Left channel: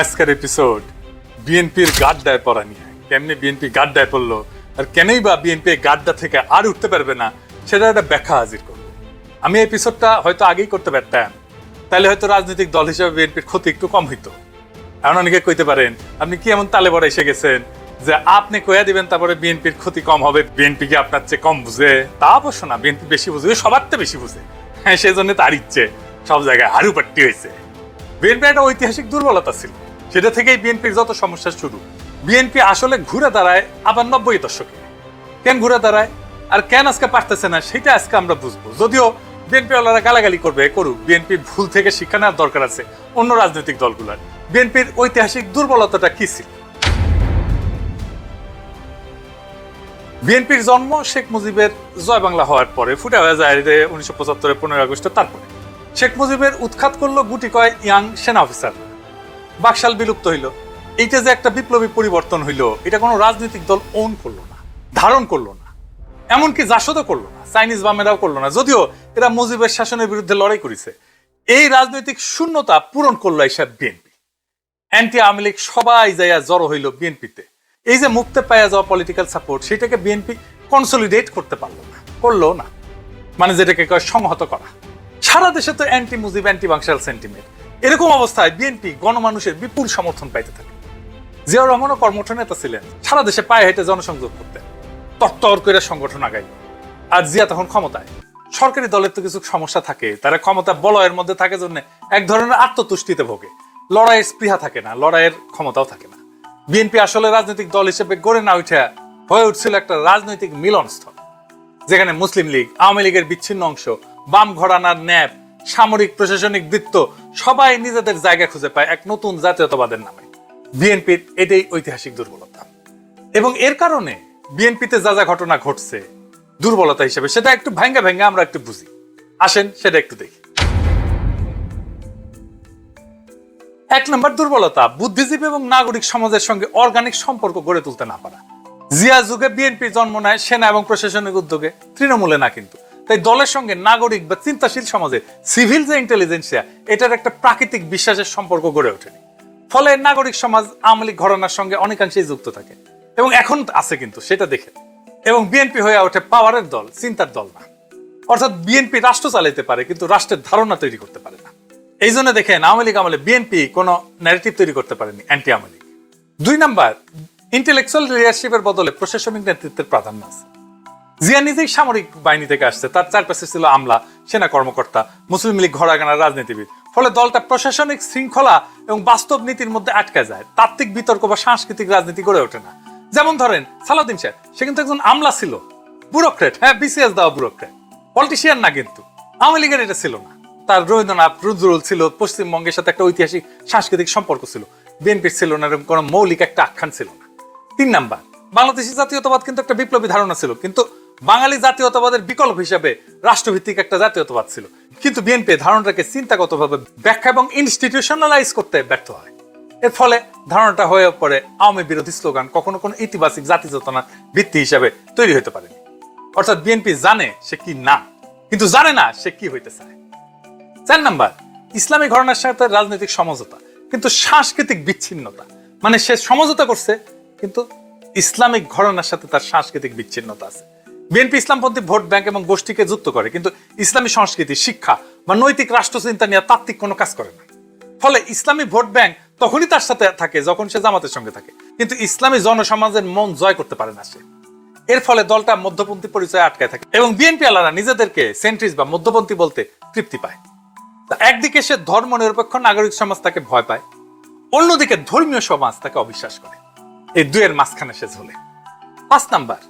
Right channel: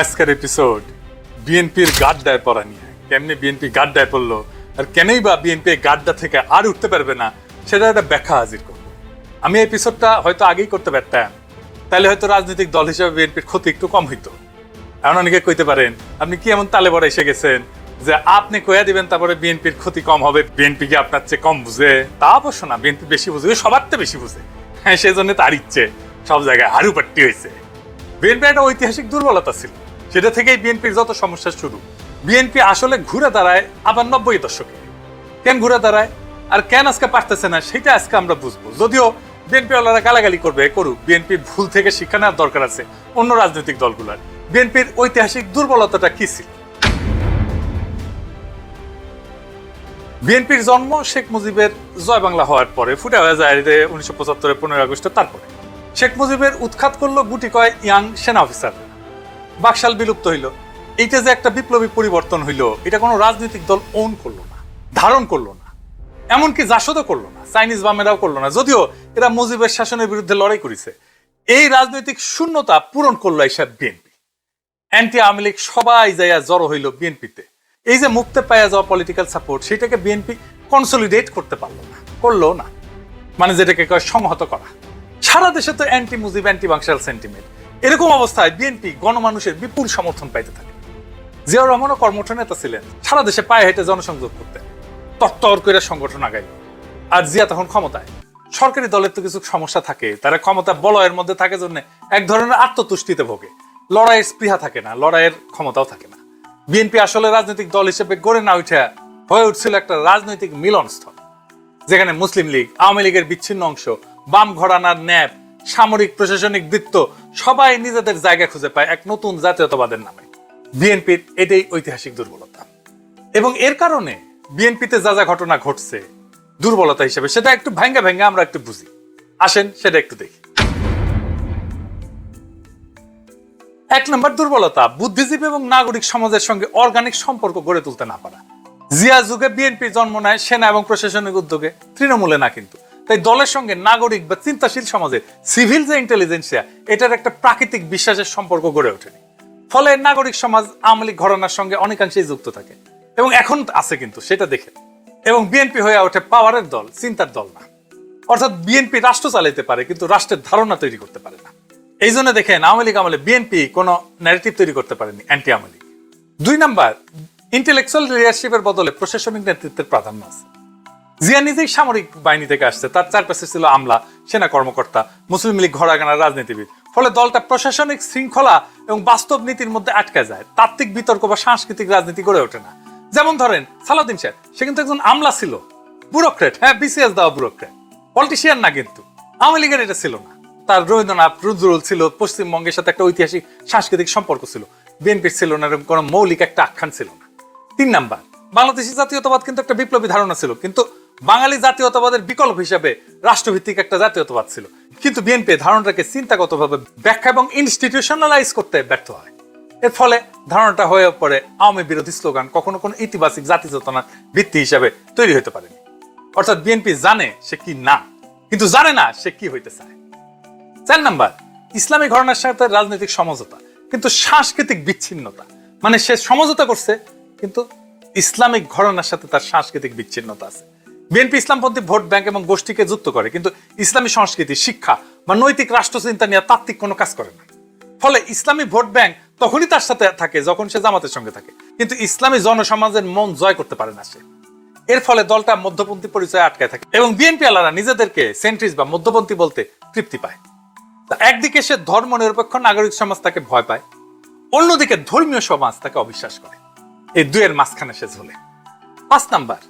আজকের এপিসোড বিএনপির গাড্ডায় পড়া নিয়ে কেমনি বিএনপি গাড্ডায় পড়ল আর কেনই বা বিএনপি গাড্ডা থেকে আর উঠতে পারবে না? সেটা একটা ব্যাখ্যা হাজির আমি এপিসোডটা হয়তো আগেই করতে পারতাম। তাহলে হয়তো রাজনৈতিক দল হিসেবে বিএনপির ক্ষতি একটু কম হতো কারণ অনেকে কইতে পারেন আপনি কি এমন তালে বড় এসে গেছেন যে আপনি কয়ে দিবেন তারপরে বিএনপির ক্ষতি কম হবে বিএনপি কি আপনার চেয়ে কম বুঝে? তা অবশ্য না বিএনপি বেশি বুঝে, সবার তো বেশি বুঝে। হ্যাঁ সেই জন্য তার ইচ্ছে, সব জায়গায় হারু পাট্টি হয়েছে বিএনপি একটা ঐতিহাসিক দুর্বলতা ছিল। সেটা থেকেই বিএনপির যত সমস্যা শুরু। বিএনপি আসলে ঘুরে দাঁড়ায় আবার নব্বই দশকে। কেন ঘুরে দাঁড়ায়? আর কেন আজকে পারতেছে না, সেটা আজকে আমরা বুঝব। যদিও বিএনপি ওয়ালারা গালাগালি করবে করুক বিএনপির ভুল থেকে শিক্ষা নেওয়ার দরকার আছে অন্য রাজনৈতিক দলগুলোর। বিএনপির ঐতিহাসিক দুর্বলতাটা কি ছিল? বিএনপির জন্ম শেখ মুজিবের জয় বাংলা হওয়ার পরে, ফুটে হয়ে যায় যে উনিশশো পঁচাত্তরের পনেরোই আগস্টে তারপর। শেখ মুজিবের উৎখাত করল গুটি কয় ইয়াং সেনা অফিসার। বাকশাল বিলুপ্ত হইল। এইটা যে একটা বিপ্লবী পরিবর্তন হইল, এটা কোনো রাজনৈতিক দল ওন করল ধারণ করল না, এমনকি জাসদও করল না, চাইনিজ বামেরাও করল না। যদিও এরা মুজিবের শাসনের বিরুদ্ধে লড়াই করেছে। এই রাজনৈতিক শূন্যতা পূরণ করল এইসব বিএনপি। অ্যান্টি আওয়ামী লীগ সবাই যাইয়া জড়ো হইল বিএনপিতে। এই যে মুক্তে পাইয়া যাওয়া পলিটিক্যাল সাপোর্ট সেটাকে বিএনপি কনসলিডেট করতে পারল না, করল না। মানে যেটাকে সংহত করা। সারা দেশে তো anti Mujib anti Baksal sentiment এরকম অবস্থায় বিএনপি গণমানুষের বিপুল সমর্থন পাইতে থাকে। জিয়াউর রহমানও কর্মঠ নেতা ছিলেন। সারা দেশে পায়ে হেঁটে জনসংযোগ করতেন। তত্তর করে সংগঠন আগাইল। আর জিয়া তখন ক্ষমতায়। সরকারি দলের তো কিছু সমস্যা থাকে। তারা ক্ষমতা বলয়ের মধ্যে থাকে জন্য এক ধরনের আত্মতুষ্টিতে ভোগে। লড়াইয়ের স্পৃহা থাকে না, লড়াইয়ের ক্ষমতাও থাকে না। বিএনপি আসলে রাজনৈতিক দল হিসেবে গড়ে না উঠে হয়ে উঠছিল একটা রাজনৈতিক মিলনস্থল। যেখানে মুসলিম লীগ, আওয়ামী লীগের বিচ্ছিন্ন অংশ, বাম ঘরানার ন্যাপ সামরিক, প্রশাসনিক, বৃত্ত, সবাই নিজেদের জায়গা খুঁজে পায় এক নতুন জাতীয়তাবাদের নামে। বিএনপির এটাই ঐতিহাসিক দুর্বলতা। এবং এর কারণে বিএনপিতে যা যা ঘটনা ঘটছে, দুর্বলতা হিসেবে সেটা একটু ভাঙ্গা ভাঙ্গা আমরা একটু বুঝি। আসেন, সেটা একটু দেখি। এক নম্বর দুর্বলতা, বুদ্ধিজীবী এবং নাগরিক সমাজের সঙ্গে অর্গানিক সম্পর্ক গড়ে তুলতে না পারা। জিয়া যুগে বিএনপি জন্ম নেয় সেনা এবং প্রশাসনিক উদ্যোগে, তৃণমূলে না কিন্তু তাই দলের সঙ্গে নাগরিক বা চিন্তাশীল সমাজে সিভিল যে ইন্টেলিজেন্সিয়া এটার একটা প্রাকৃতিক বিশ্বাসের সম্পর্ক গড়ে ওঠেনি। ফলে নাগরিক সমাজ আমলি ঘটনার সঙ্গে অনেকাংশে যুক্ত থাকে। এবং এখন আছে কিন্তু, সেটা দেখে। এবং বিএনপি হয়ে ওঠে পাওয়ারের দল, চিন্তার দল অর্থাৎ বিএনপি রাষ্ট্র চালাইতে পারে, কিন্তু রাষ্ট্রের ধারণা তৈরি করতে পারে না। এই জন্য দেখেন, আওয়ামী লীগ আমলে বিএনপি কোন ন্যারেটিভ তৈরি করতে পারেনি অ্যান্টি আওয়ামী লীগ। দুই নাম্বার ইন্টেলেকচুয়াল লিডারশিপের বদলে প্রশাসনিক নেতৃত্বের প্রাধান্য আছে। জিয়া নিজেই সামরিক বাহিনী থেকে আসছে। তার চারপাশে ছিল আমলা, সেনা কর্মকর্তা, মুসলিম লীগ ঘরাগানা রাজনীতিবিদ। ফলে দলটা প্রশাসনিক শৃঙ্খলা এবং বাস্তব নীতির মধ্যে আটকা যায়। তাত্ত্বিক বিতর্ক বা সাংস্কৃতিক রাজনীতি গড়ে ওঠে না। যেমন ধরেন সালাদিন সাহেব, সে কিন্তু একজন আমলা ছিল। ব্যুরোক্রেট হ্যাঁ বিসিএস দেওয়া ব্যুরোক্রেট পলিটিশিয়ান না কিন্তু। আওয়ামী লীগের এটা ছিল না। তার রবীন্দ্রনাথ রুদ্রুল ছিল, পশ্চিমবঙ্গের সাথে একটা ঐতিহাসিক সাংস্কৃতিক সম্পর্ক ছিল। বিএনপির ছিল না, এরকম কোনো মৌলিক একটা আখ্যান ছিল না। তিন নাম্বার, বাংলাদেশি জাতীয়তাবাদ কিন্তু একটা বিপ্লবী ধারণা ছিল। কিন্তু বাঙালি জাতীয়তাবাদের বিকল্প হিসেবে রাষ্ট্রভিত্তিক একটা জাতীয়তাবাদ ছিল। কিন্তু বিএনপি ধারণাটাকে চিন্তাগতভাবে ব্যাখ্যা এবং ইনস্টিটিউশনালাইজ করতে ব্যর্থ হয়। এর ফলে ধারণাটা হয়ে পড়ে আওয়ামী বিরোধী স্লোগান কখনো কোনো ইতিবাচক জাতি চেতনার ভিত্তি হিসেবে তৈরি হতে পারে। অর্থাৎ বিএনপি জানে সে কি না, কিন্তু জানে না সে কি হইতে চায় চার নাম্বার, ইসলামী ঘটনার সাথে রাজনৈতিক সমঝোতা, কিন্তু সাংস্কৃতিক বিচ্ছিন্নতা। মানে সে সমঝোতা করছে, কিন্তু ইসলামিক ঘটনার সাথে তার সাংস্কৃতিক বিচ্ছিন্নতা আছে। বিএনপি ইসলামপন্থী ভোট ব্যাংক এবং গোষ্ঠীকে যুক্ত করে, কিন্তু ইসলামী সংস্কৃতি, শিক্ষা বা নৈতিক রাষ্ট্রচিন্তা নিয়ে তাত্ত্বিক কোনো কাজ করে না। ফলে ইসলামী ভোট ব্যাংক তখনই তার সাথে থাকে যখন সে জামাতের সঙ্গে থাকে। কিন্তু ইসলামী জনসমাজের মন জয় করতে পারে না সে। এর ফলে দলটা মধ্যপন্থী পরিচয় আটকে থাকে এবং বিএনপি আলারা নিজেদেরকে সেন্ট্রিস বা মধ্যপন্থী বলতে তৃপ্তি পায়। তা একদিকে সে ধর্ম নিরপেক্ষ নাগরিক সমাজ তাকে ভয় পায়, অন্যদিকে ধর্মীয় সমাজ তাকে অবিশ্বাস করে। এই দুয়ের মাঝখানে সে ঝুলে। পাঁচ নাম্বার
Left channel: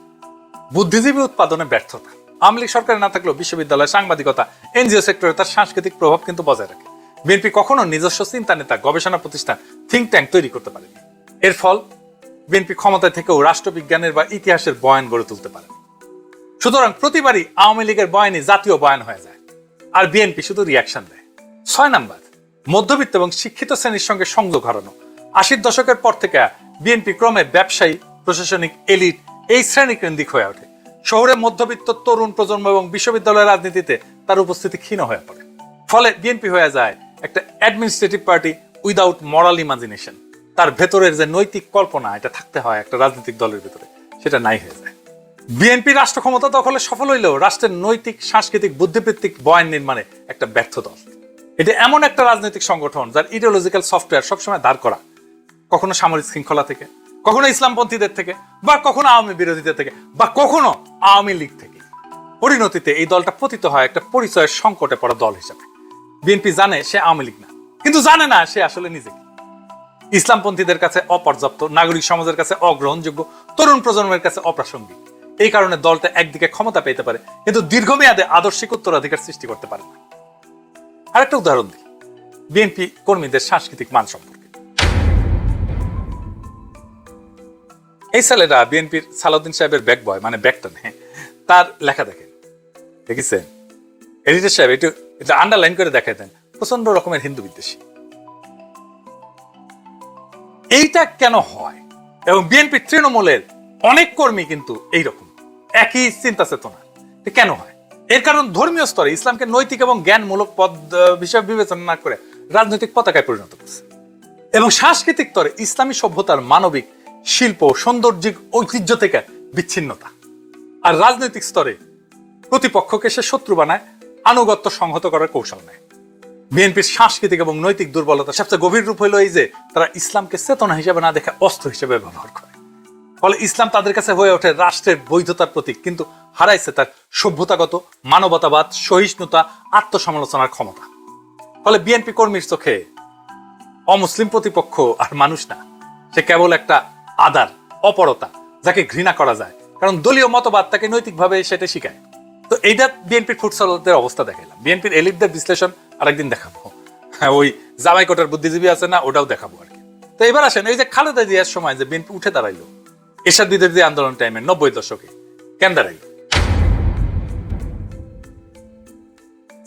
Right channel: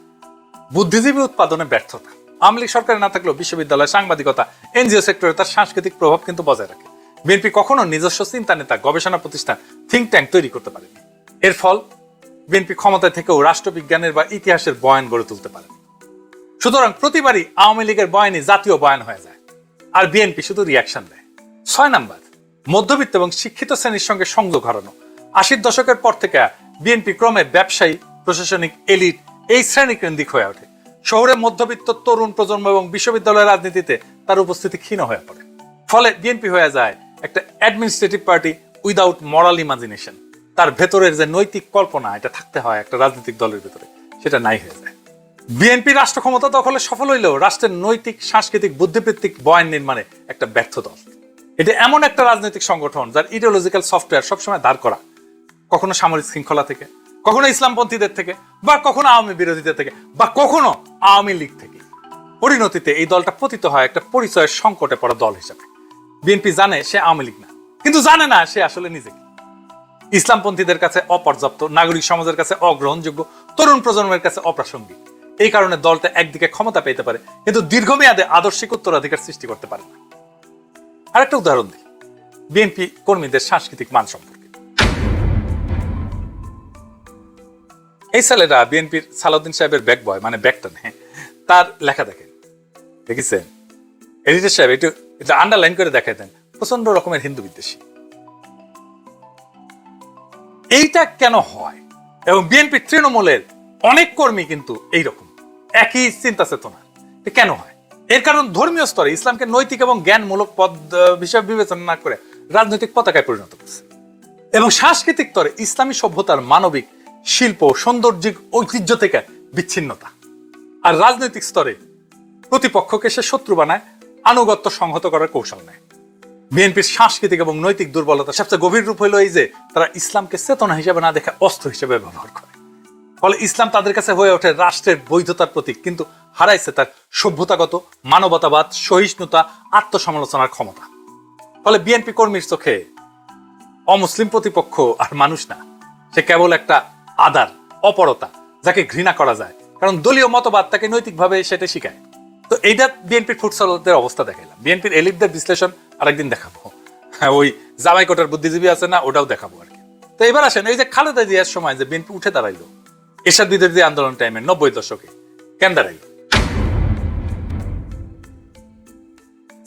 বুদ্ধিজীবী উৎপাদনে ব্যর্থতা আওয়ামী লীগ সরকার না থাকলেও বিশ্ববিদ্যালয় সাংবাদিকতা, এনজিও সেক্টরে তার সাংস্কৃতিক প্রভাব কিন্তু বজায় রাখে। বিএনপি কখনো নিজস্ব চিন্তা নেতা গবেষণা প্রতিষ্ঠান থিঙ্ক ট্যাঙ্ক তৈরি করতে পারে এর ফল, বিএনপি ক্ষমতায় থেকেও রাষ্ট্রবিজ্ঞানের বা ইতিহাসের বয়ান গড়ে তুলতে পারে সুতরাং প্রতিবারই আওয়ামী লীগের বয়ানে জাতীয় বয়ান হয়ে যায়। আর বিএনপি শুধু রিয়াকশন দেয় ছয় নাম্বার, মধ্যবিত্ত এবং শিক্ষিত শ্রেণির সঙ্গে সংযোগ হারানো। আশির দশকের পর থেকে বিএনপি ক্রমে ব্যবসায়ী, প্রশাসনিক এলিট এই শ্রেণি কেন্দ্রিক হয়ে ওঠে। শহরে মধ্যবিত্ত তরুণ প্রজন্ম এবং বিশ্ববিদ্যালয় রাজনীতিতে তার উপস্থিতি ক্ষীণ হয়ে পড়ে। ফলে বিএনপি হয়ে যায় একটা administrative party without moral imagination তার ভেতরের যে নৈতিক কল্পনা, এটা থাকতে হয় একটা রাজনৈতিক দলের ভেতরে। সেটা নাই হয়ে যায়। বিএনপি রাষ্ট্র ক্ষমতা দখলে সফল হইলেও রাষ্ট্রের নৈতিক, সাংস্কৃতিক, বুদ্ধিবৃত্তিক বয়ান নির্মাণে একটা ব্যর্থ দল। এটা এমন একটা রাজনৈতিক সংগঠন যার ইডিওলজিক্যাল সফটওয়্যার সবসময় দাঁড় করা, কখনো সামরিক শৃঙ্খলা থেকে কখনো ইসলামপন্থীদের থেকে? বা কখনো আওয়ামী বিরোধীদের থেকে? বা কখনো আওয়ামী লীগ থেকে? পরিণতিতে এই দলটা পতিত হয় একটা পরিচয়ের সংকটে পড়া দল হিসেবে। বিএনপি জানে সে আওয়ামী লীগ না কিন্তু জানে না সে আসলে নিজেকে ইসলামপন্থীদের কাছে অপর্যাপ্ত নাগরিক সমাজের কাছে অগ্রহণযোগ্য তরুণ প্রজন্মের কাছে অপাশা এই কারণে দলটা একদিকে ক্ষমতা পেতে পারে কিন্তু দীর্ঘমেয়াদে আদর্শিক উত্তরাধিকার সৃষ্টি করতে পারে। আরেকটা উদাহরণ দিই। বিএনপি কর্মীদের সাংস্কৃতিক মান এই ছেলেরা বিএনপির সালাউদ্দিন সাহেবের ব্যাগ বয় মানে ব্যাগটা নেয় তার লেখা দেখেন। দেখেছেন এডিটর সাহেব, একটু আন্ডারলাইন করে দেখা দেন। প্রচণ্ড রকমের হিন্দু বিদ্বেষী। এইটা কেন হয়? এবং বিএনপি তৃণমূলের অনেক কর্মী কিন্তু এইরকম। একই চিন্তা চেতনা। কেন হয়? এর কারণ ধর্মীয় স্তরে ইসলামকে নৈতিক এবং জ্ঞানমূলক পদ বিষয় বিবেচনা না করে রাজনৈতিক পতাকায় পরিণত করেছে এবং সাংস্কৃতিক স্তরে ইসলামী সভ্যতার মানবিক শিল্প সৌন্দর্যিক ঐতিহ্য থেকে বিচ্ছিন্নতা। আর রাজনৈতিক স্তরে প্রতিপক্ষকে সে শত্রু বানায় আনুগত্য সংহত করার কৌশল নেয়। বিএনপির সাংস্কৃতিক এবং নৈতিক দুর্বলতা সবচেয়ে গভীর রূপ হলো এই যে তারা ইসলামকে চেতনা হিসেবে না দেখে অস্ত্র হিসেবে ব্যবহার করে। ফলে ইসলাম তাদের কাছে হয়ে ওঠে রাষ্ট্রের বৈধতার প্রতীক কিন্তু হারাইছে তার সভ্যতাগত মানবতাবাদ সহিষ্ণুতা আত্মসমালোচনার ক্ষমতা। ফলে বিএনপি কর্মীর চোখে অমুসলিম প্রতিপক্ষ মানুষ সে কেবল একটা আদার অপরতা যাকে ঘৃণা করা যায়। কারণ দলীয় মতবাদ তাকে নৈতিকভাবে সেটা শিখায়। তো এইটা বিএনপির ফুটসলদের অবস্থা দেখাইলাম। বিএনপির এলিটদের বিশ্লেষণ আরেকদিন দেখাবো। হ্যাঁ ওই জামাই কোটার বুদ্ধিজীবী আছে না ওটাও দেখাবো। তো এবার আসেন এই যে খালেদা জিয়ার সময় যে বিএনপি উঠে দাঁড়াইলো। এসব বিরোধী আন্দোলন টাইমে নব্বই দশকে। কেন দাঁড়াইলো?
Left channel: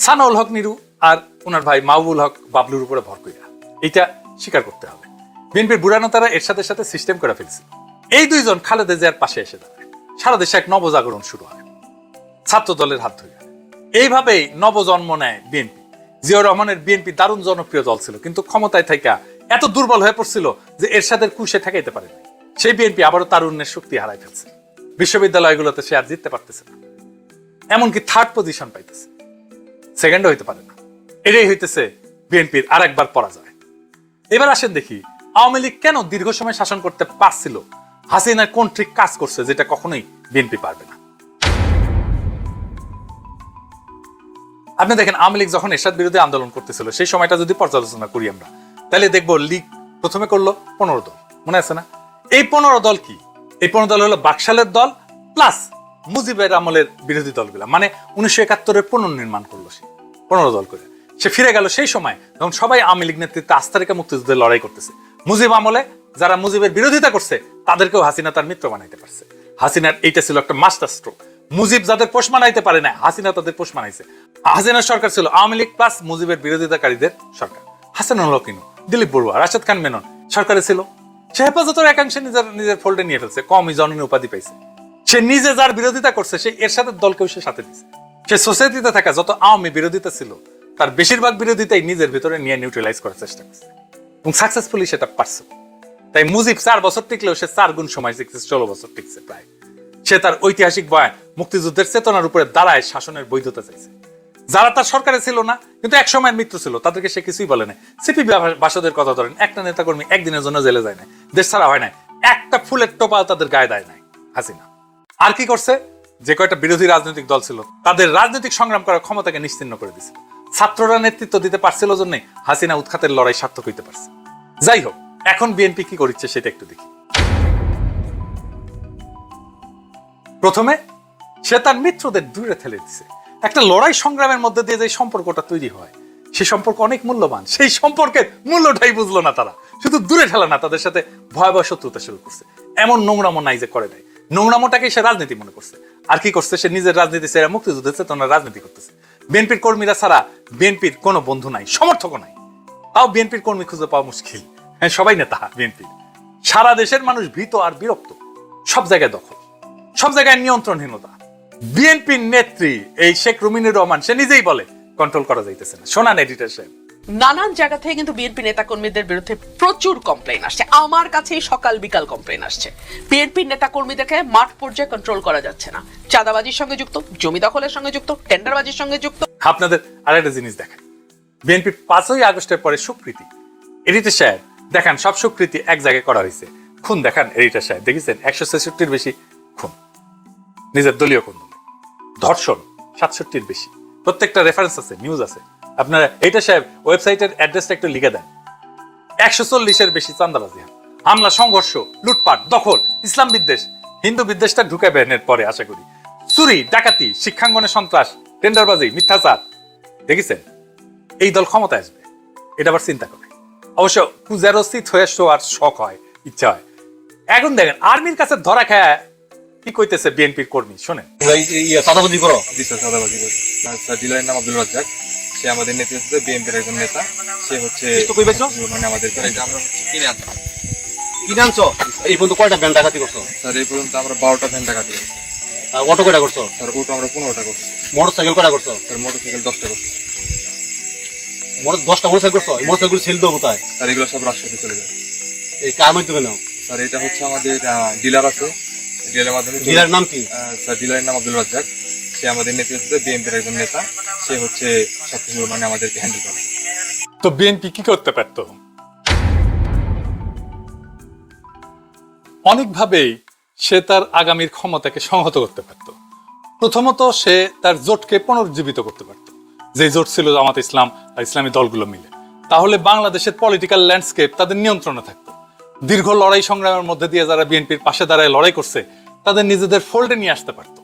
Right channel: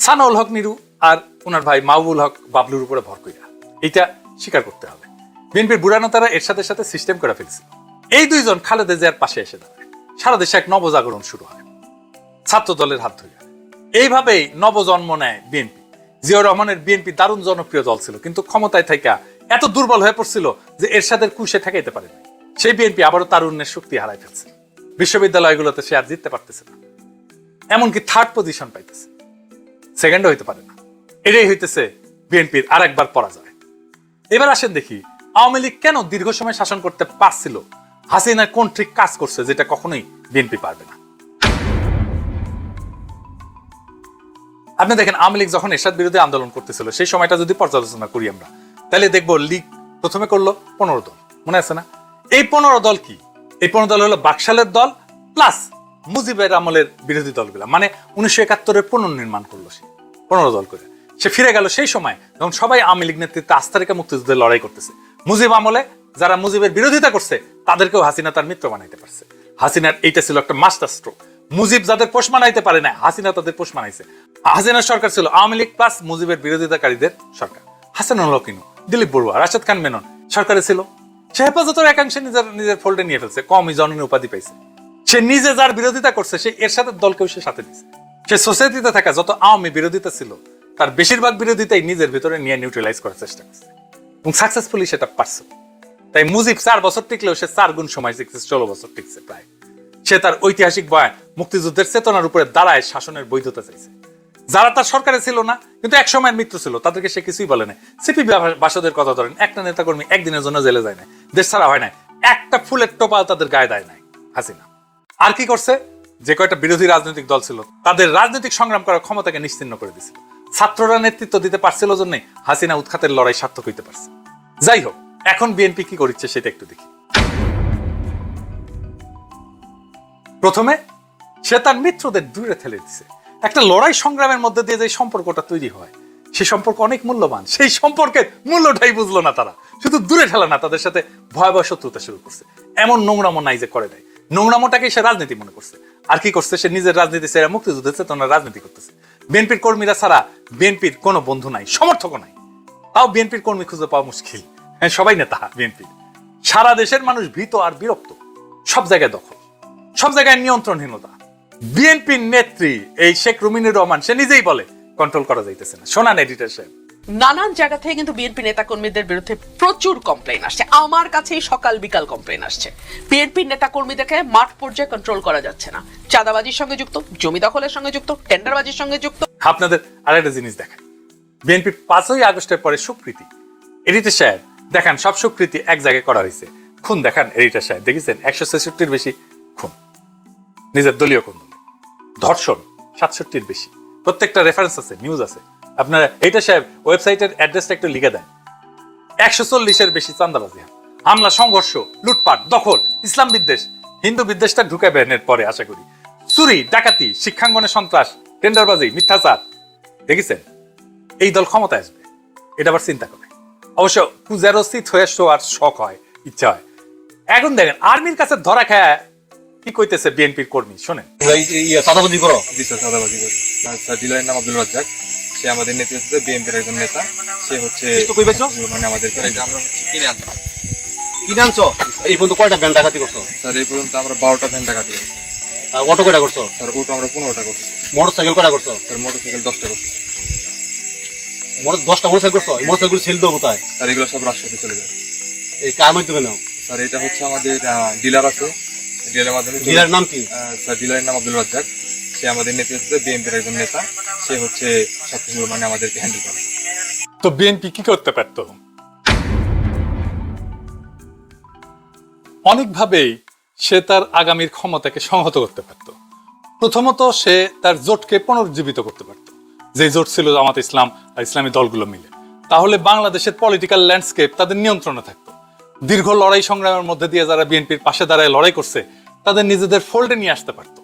সানাউল হক নিরু আর ওনার ভাই মাহবুল হক বাবলুর উপরে ভর করিয়া এটা স্বীকার করতে বিএনপির বুড়ানো তারা এর সাথে সাথে সিস্টেম করে ফেলছিল এই দুইজন খালেদা জিয়ার পাশে এসে সারা দেশে এক নবজাগরণ শুরু হয়। ছাত্র দলের হাত ধরে। এইভাবেই নবজন্ম নেয় বিএনপি। জিয়াউর রহমানের বিএনপি দারুণ জনপ্রিয় দল ছিল, কিন্তু ক্ষমতায় থাকা এত দুর্বল হয়ে পড়ছিল যে এরশাদের কুশে পারে সেই বিএনপি আবারও তারুণ্যের শক্তি হারাই ফেলছে। বিশ্ববিদ্যালয়গুলোতে সে আর জিততে পারতেছে না। এমনকি থার্ড পজিশন পাইতেছে। সেকেন্ডও হইতে পারে না। এটাই হইতেছে বিএনপির আর একবার পরাজয়। এবার আসেন দেখি আওয়ামী লীগ কেন দীর্ঘ সময় শাসন করতে পারছিল? হাসিনা কোন ঠিক কাজ করছে যেটা কখনোই বিএনপি পারবে না? আপনি দেখেন, আওয়ামী লীগ যখন এরশাদ বিরোধী আন্দোলন করতেছিল, সেই সময়টা যদি পর্যালোচনা করি আমরা তাহলে দেখব লীগ প্রথমে করল পনেরো দল। মনে আছে না? এই পনেরো দল কি? এই পনেরো দল হলো বাকশালের দল প্লাস মুজিবের আমলের বিরোধী দলগুলা। মানে উনিশশো একাত্তরের পুনর্নির্মাণ করল সে, পনেরো দল করে। সে ফিরে গেল সেই সময়, এবং সবাই আওয়ামী লীগ নেতৃত্বে আস্থা রেখা মুক্তিযুদ্ধে লড়াই করতেছে। মুজিব আমলে যারা মুজিবের বিরোধিতা করছে, তাদেরকেও হাসিনা তার মিত্র বানাইতে পারছে। হাসিনার এইটা ছিল একটা মাস্টার স্ট্রোক মুজিব যাদের পোষ মানাইতে পারে না হাসিনা তাদের পোষ মানাইছে। হাসিনার সরকার ছিল আওয়ামী লীগ প্লাস মুজিবের বিরোধিতাকারীদের সরকার। হাসানুল হকিন দিলীপ বড়ুয়া, রাশেদ খান মেনন সরকারে ছিল। সে হেফাজতের একাংশ নিজের নিজের ফোল্ডে নিয়ে ফেলছে, কমই জননী উপাধি পাইছে। সে নিজে যার বিরোধিতা করছে, সে এর সাথে দলকেও সে সাথে দিচ্ছে সে সোসাইটিতে থাকা যত আওয়ামী বিরোধিতা ছিল, তার বেশিরভাগ বিরোধিতাই নিজের ভিতরে নিয়ে নিউট্রালাইজ করার চেষ্টা করছে। এবং সাকসেসফুলি সেটা পারছে। তাই মুজিব চার বছর টিকলেও সে চার গুণ সময় টিকছে ষোলো বছর টিকছে প্রায়। সে তার ঐতিহাসিক বয়ান মুক্তিযুদ্ধের চেতনার উপরে দাঁড়ায়, শাসনের বৈধতা চাইছে। যারা তার সরকারে ছিল না, কিন্তু এক সময়ের মৃত্যু ছিল, তাদেরকে সে কিছুই বলে নাই। সিপি বাসদের কথা ধরেন, একটা নেতা কর্মী একদিনের জন্য জেলে যায় না দেশ ছাড়া হয় নাই। একটা ফুলের টোপাল তাদের গায়ে দেয় নাই। হাসিনা। আর কি করছে? যে কয়টা বিরোধী রাজনৈতিক দল ছিল, তাদের রাজনৈতিক সংগ্রাম করার ক্ষমতাকে নিশ্চিন্ন করে দিয়েছিল ছাত্ররা নেতৃত্ব দিতে পারছিল জন্য হাসিনা উৎখাতের লড়াই সার্থক হইতে পারছে। যাই হোক, এখন বিএনপি কি করছে সেটা একটু দেখি। প্রথমে, সে তার মিত্রদের দূরে ঠেলে দিছে। একটা লড়াই সংগ্রামের মধ্যে দিয়ে যে সম্পর্কটা তৈরি হয়, সে সম্পর্ক অনেক মূল্যবান। সেই সম্পর্কের মূল্যটাই বুঝলো না তারা। শুধু দূরে ফেলা না তাদের সাথে ভয়াবহ শত্রুতা শুরু করছে এমন নোংরামো নাই যে করে নাই। নোংরামোটাকে সে রাজনীতি মনে করছে। আর কি করছে? সে নিজের রাজনীতি ছেড়ে মুক্তিযুদ্ধের চেতনা রাজনীতি করতেছে। বিএনপির কর্মীরা ছাড়া বিএনপির কোনো বন্ধু নাই সমর্থকও নাই। তাও বিএনপির কর্মী খুঁজে পাওয়া মুশকিল। হ্যাঁ, সবাই নেতা বিএনপি। সারা দেশের মানুষ ভীত আর বিরক্ত। সব জায়গায় দখল। সব জায়গায় নিয়ন্ত্রণহীনতা। বিএনপির নেত্রী এই শেখ রুমিনী রহমান সে নিজেই বলে কন্ট্রোল করা যাইতেছে না। শোনান নেই সাহেব। নানান জায়গা থেকে কিন্তু বিএনপি নেতাকর্মীদের বিরুদ্ধে প্রচুর কমপ্লেন আসছে। আমার কাছেই সকাল বিকাল কমপ্লেন আসছে। বিএনপি নেতাকর্মীদেরকে মাঠ পর্যায়ে কন্ট্রোল করা যাচ্ছে না। চাঁদাবাজির সঙ্গে যুক্ত, জমি দখলের সঙ্গে যুক্ত টেন্ডারবাজির সঙ্গে যুক্ত। আপনাদের আরেকটা জিনিস দেখেন। বিএনপির পাঁচই আগস্টের পরে সুকৃতি। এডিটর সাহেব, দেখেন, সব সুকৃতি এক জায়গায় করা হয়েছে। খুন দেখান এডিটর সাহেব। দেখেছেন? একশো ছেষট্টির বেশি খুন। নিজের দলীয় খুন। ধর্ষণ, সাতষট্টির বেশি। প্রত্যেকটা রেফারেন্স আছে নিউজ আছে। সাহেব ওয়েবসাইটের অ্যাড্রেসটা একটু লিখে দেন। একশো চল্লিশের বেশি চান্দাবাজি হামলা, সংঘর্ষ, লুটপাট, দখল, ইসলাম বিদ্বেষ, হিন্দু বিদ্বেষটা এর পরে, আশা করি। চুরি, ডাকাতি, শিক্ষাঙ্গনে সন্ত্রাস, টেন্ডারবাজি, মিথ্যাচার। দেখেছেন? এই দল ক্ষমতায় আসবে। এটা আবার চিন্তা করে। অবশ্য পূজার অস্থিত হয়ে শোয়ার শখ হয়, ইচ্ছা হয়। এখন দেখেন, আর্মির কাছে ধরা খায়, কি কইতেছে বিএনপির কর্মী? শোনেন। করো। নাম আব্দুল সে আমাদের নেতৃত্ব বিএনপির একজন নেতা। সে হচ্ছে মানে আমাদের করে আমরা কিনে আনতাম এই পর্যন্ত কয়টা ডাকাতি করছ? তার এই পর্যন্ত আমরা বারোটা ভ্যান দিই আর অটো কয়টা করছ? তার ওটা আমরা পনেরোটা করছি। মোটর সাইকেল কয়টা করছ? তার মোটর সাইকেল দশটা করছি। মোটর দশটা মোটর সাইকেল করছ? এই মোটর সাইকেল সেল দেবো কোথায়? তার এগুলো সব রাজশাহীতে চলে যায়। এই কার মাধ্যমে নাও? তার এটা হচ্ছে আমাদের ডিলার আছে। ডিলারের মাধ্যমে ডিলার নাম কি? তার ডিলারের নাম আব্দুল রাজ্জাক। সে আমাদের নেতৃত্ব বিএনপির একজন নেতা। সে হচ্ছে সবকিছু মানে আমাদেরকে হ্যান্ডেল করে। তো বিএনপি কি করতে পারত? অনেকভাবেই সে তার আগামীর ক্ষমতাকে সংহত করতে পারত। প্রথমত সে তার জোটকে পুনরুজ্জীবিত করতে পারত। যে জোট ছিল জামাত ইসলাম আর ইসলামী দলগুলো মিলে। তাহলে বাংলাদেশের পলিটিক্যাল ল্যান্ডস্কেপ তাদের নিয়ন্ত্রণে থাকতো। দীর্ঘ লড়াই সংগ্রামের মধ্যে দিয়ে যারা বিএনপির পাশে দাঁড়ায় লড়াই করছে, তাদের নিজেদের ফোল্ডে নিয়ে আসতে পারতো।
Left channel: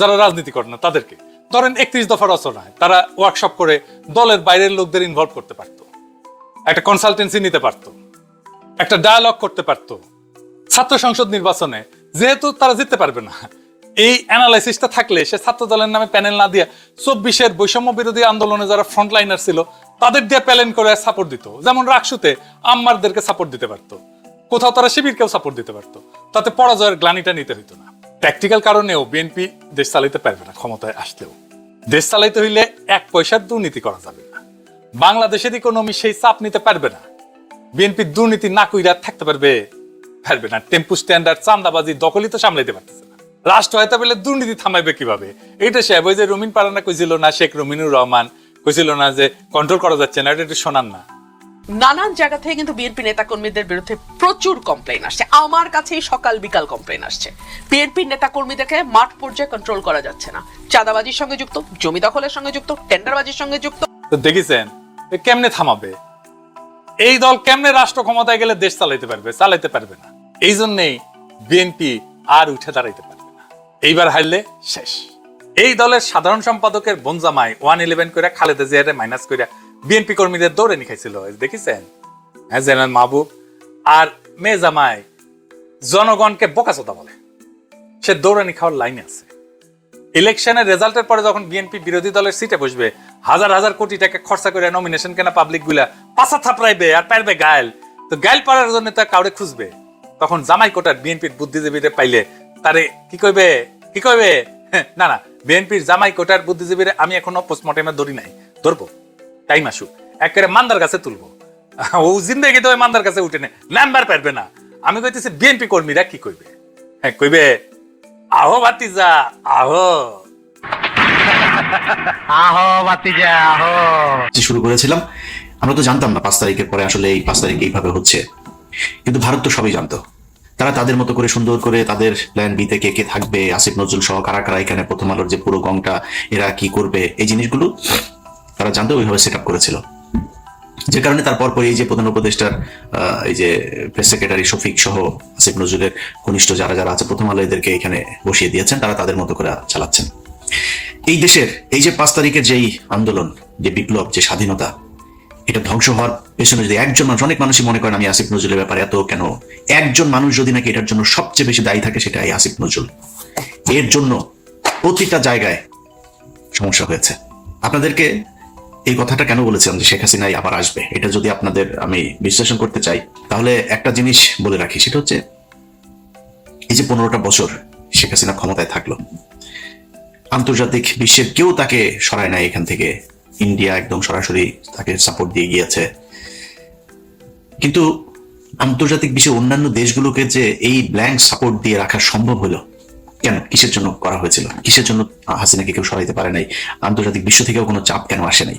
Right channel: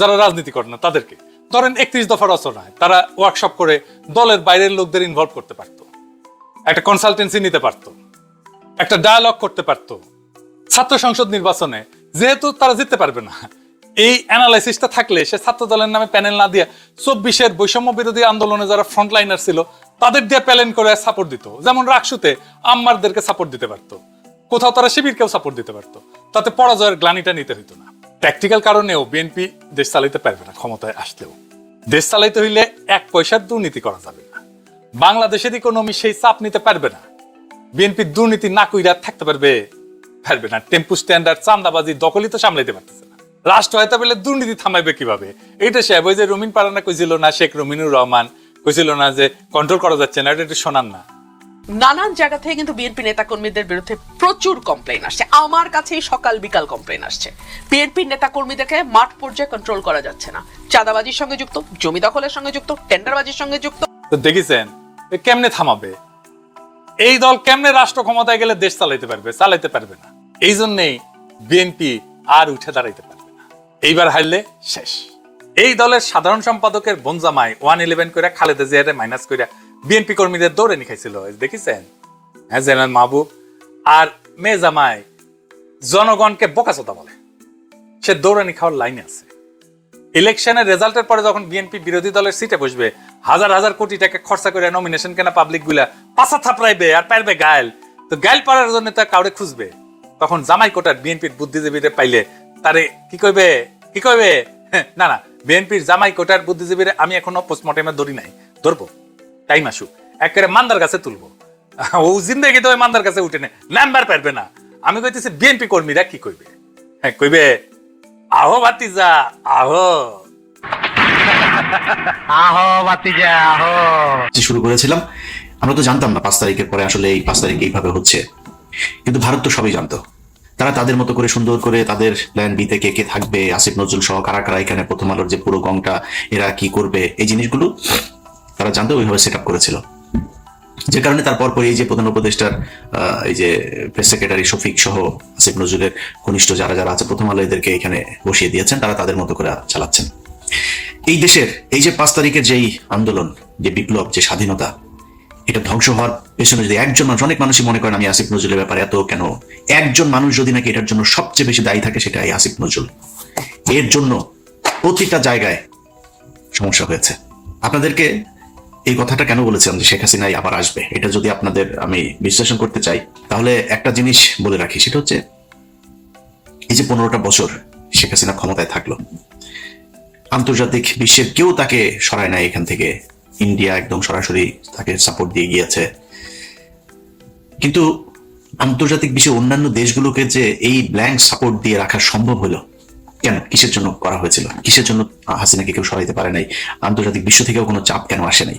যারা রাজনীতি করে না, তাদেরকে। ধরেন একত্রিশ দফা রচনায় তারা ওয়ার্কশপ করে দলের বাইরের লোকদের ইনভলভ করতে পারতো। একটা কনসালটেন্সি নিতে পারতো। একটা ডায়ালগ করতে পারতো। ছাত্র সংসদ নির্বাচনে যেহেতু তারা জিততে পারবে না, এই অ্যানালাইসিসটা থাকলে সে ছাত্র দলের নামে প্যানেল না দিয়ে চব্বিশের বৈষম্য বিরোধী আন্দোলনে যারা ফ্রন্টলাইনার ছিল, তাদের দিয়ে প্যানেল করে সাপোর্ট দিত। যেমন রাকসুতে আম্মারদেরকে সাপোর্ট দিতে পারতো। কোথাও তারা শিবিরকেও সাপোর্ট দিতে পারতো। তাতে পরাজয়ের গ্লানিটা নিতে হতো না। প্র্যাকটিক্যাল কারণেও বিএনপি দেশ চালাইতে পারবে না ক্ষমতায় আসতেও দেশ চালাইতে হইলে এক পয়সার দুর্নীতি করা যাবে না। বাংলাদেশের ইকোনমি সেই চাপ নিতে পারবে না। বিএনপি দুর্নীতি না কইরা থাকতে পারবে পারবে না। টেম্পু স্ট্যান্ডার্ড চান্দাবাজি দখলই তো সামলাইতে পারতেছে রাষ্ট্র হয়তো বলে দুর্নীতি থামাইবে কীভাবে? এইটা ওই যে রমিন পারানা কইছিল না, শেখ রমিনুর রহমান কইছিল না যে কন্ট্রোল করা যাচ্ছে না, এটা শোনান না। নানান জায়গা থেকে কিন্তু বিএনপি নেতাকর্মীদের বিরুদ্ধে প্রচুর কমপ্লেন আসছে। আমার কাছেই সকাল বিকাল কমপ্লেন আসছে। বিএনপি নেতাকর্মীদেরকে মাঠ পর্যায়ে কন্ট্রোল করা যাচ্ছে না। চাঁদাবাজির সঙ্গে যুক্ত জমি দখলের সঙ্গে যুক্ত টেন্ডারবাজির সঙ্গে যুক্ত। দেখেছেন কেমনে থামাবে? এই দল কেমনে রাষ্ট্র ক্ষমতায় গেলে দেশ চালাইতে পারবে? চালাইতে পারবে না। এই জন্যে বিএনপি আর উঠে দাঁড়াতে এইবার হারলে শেষ। এই দলের সাধারণ সম্পাদকের বনজামাই ওয়ান ইলেভেন করে খালেদা জিয়ারে মাইনাস করে বিএনপি কর্মীদের দৌড়ে নিখাইছিল দেখেছেন? হ্যাঁ জেনারেল মাহবুব। আর মে জামাই জনগণকে বোকাচোদা বলে। সে দৌড়ানি খাওয়ার লাইনে আছে। ইলেকশনের রেজাল্টের পরে যখন বিএনপি বিরোধী দলের সিটে বসবে হাজার হাজার কোটি টাকা খরচা করে নমিনেশন কেনা পাবলিকগুলা পাশা থাপড়াইবে আর পারবে গায়েল। তো গায়েল পাড়ার জন্য তার কাউরে খুঁজবে। তখন জামাই কোটার বিএনপির বুদ্ধিজীবীদের পাইলে তারে কি কইবে? কি কইবে? হ্যাঁ, না না বিএনপির জামাই কোটার আমি এখনও পোস্টমর্টেমে ধরি নাই। টাইম আসুক। একেবারে মান্দার কাছে ও জিন্দগি তো মান্দার কাছে উঠে নেই নাম্বার পারবে না। আমি কইতেছি বিএনপি কর্মীরা কি কইবে? হ্যাঁ কইবে আহো বাতিজা আহো। যে শুরু করেছিলাম আমরা তো জানতাম না পাঁচ তারিখের পরে আসলে এই পাঁচ তারিখ এইভাবে হচ্ছে। কিন্তু ভারত তো সবই জানতো। তারা তাদের মতো করে সুন্দর করে তাদের প্ল্যান বি থেকে কে থাকবে আসিফ নজরুল সহ কারা কারা এখানে প্রথম আলোর যে পুরো গংটা এরা কি করবে এই জিনিসগুলো তারা জানতে ওইভাবে সেট আপ করেছিল। যে কারণে তারপর পরে এই যে প্রধান উপদেষ্টার এই যে প্রেস সেক্রেটারি শফিক সহ আসিফ নজরুলের ঘনিষ্ঠ যারা যারা আছে, প্রথম আলো এদেরকে এখানে বসিয়ে দিয়েছেন, তারা তাদের মতো করে চালাচ্ছেন। এই দেশের, এই যে পাঁচ তারিখের যেই আন্দোলন, যে বিপ্লব, যে স্বাধীনতা, এটা ধ্বংস হওয়ার পেছনে যদি একজন মানুষ, অনেক মানুষই মনে করেন আমি আসিফ নজরুলের ব্যাপারে এত কেন? একজন মানুষ যদি নাকি এটার জন্য সবচেয়ে বেশি দায়ী থাকে সেটা এই আসিফ নজরুল। এর জন্য প্রতিটা জায়গায় সমস্যা হয়েছে। আপনাদেরকে এই কথাটা কেন বলেছেন? শেখ হাসিনাই আবার আসবে। এটা যদি আপনাদের আমি বিশ্লেষণ করতে চাই তাহলে একটা জিনিস বলে রাখি সেটা হচ্ছে যে পনেরোটা বছর শেখ হাসিনা ক্ষমতায় থাকল আন্তর্জাতিক বিশ্বের কেউ তাকে সরায় নাই এখান থেকে। ইন্ডিয়া একদম সরাসরি তাকে সাপোর্ট দিয়ে গিয়েছে। কিন্তু আন্তর্জাতিক বিষয়ে অন্যান্য দেশগুলোকে যে এই ব্ল্যাঙ্ক সাপোর্ট দিয়ে রাখা সম্ভব হলো কেন? কিসের জন্য করা হয়েছিল কিসের জন্য হাসিনাকে কেউ সরাইতে পারে নাই? আন্তর্জাতিক বিশ্ব থেকেও কোনো চাপ কেন আসে নাই?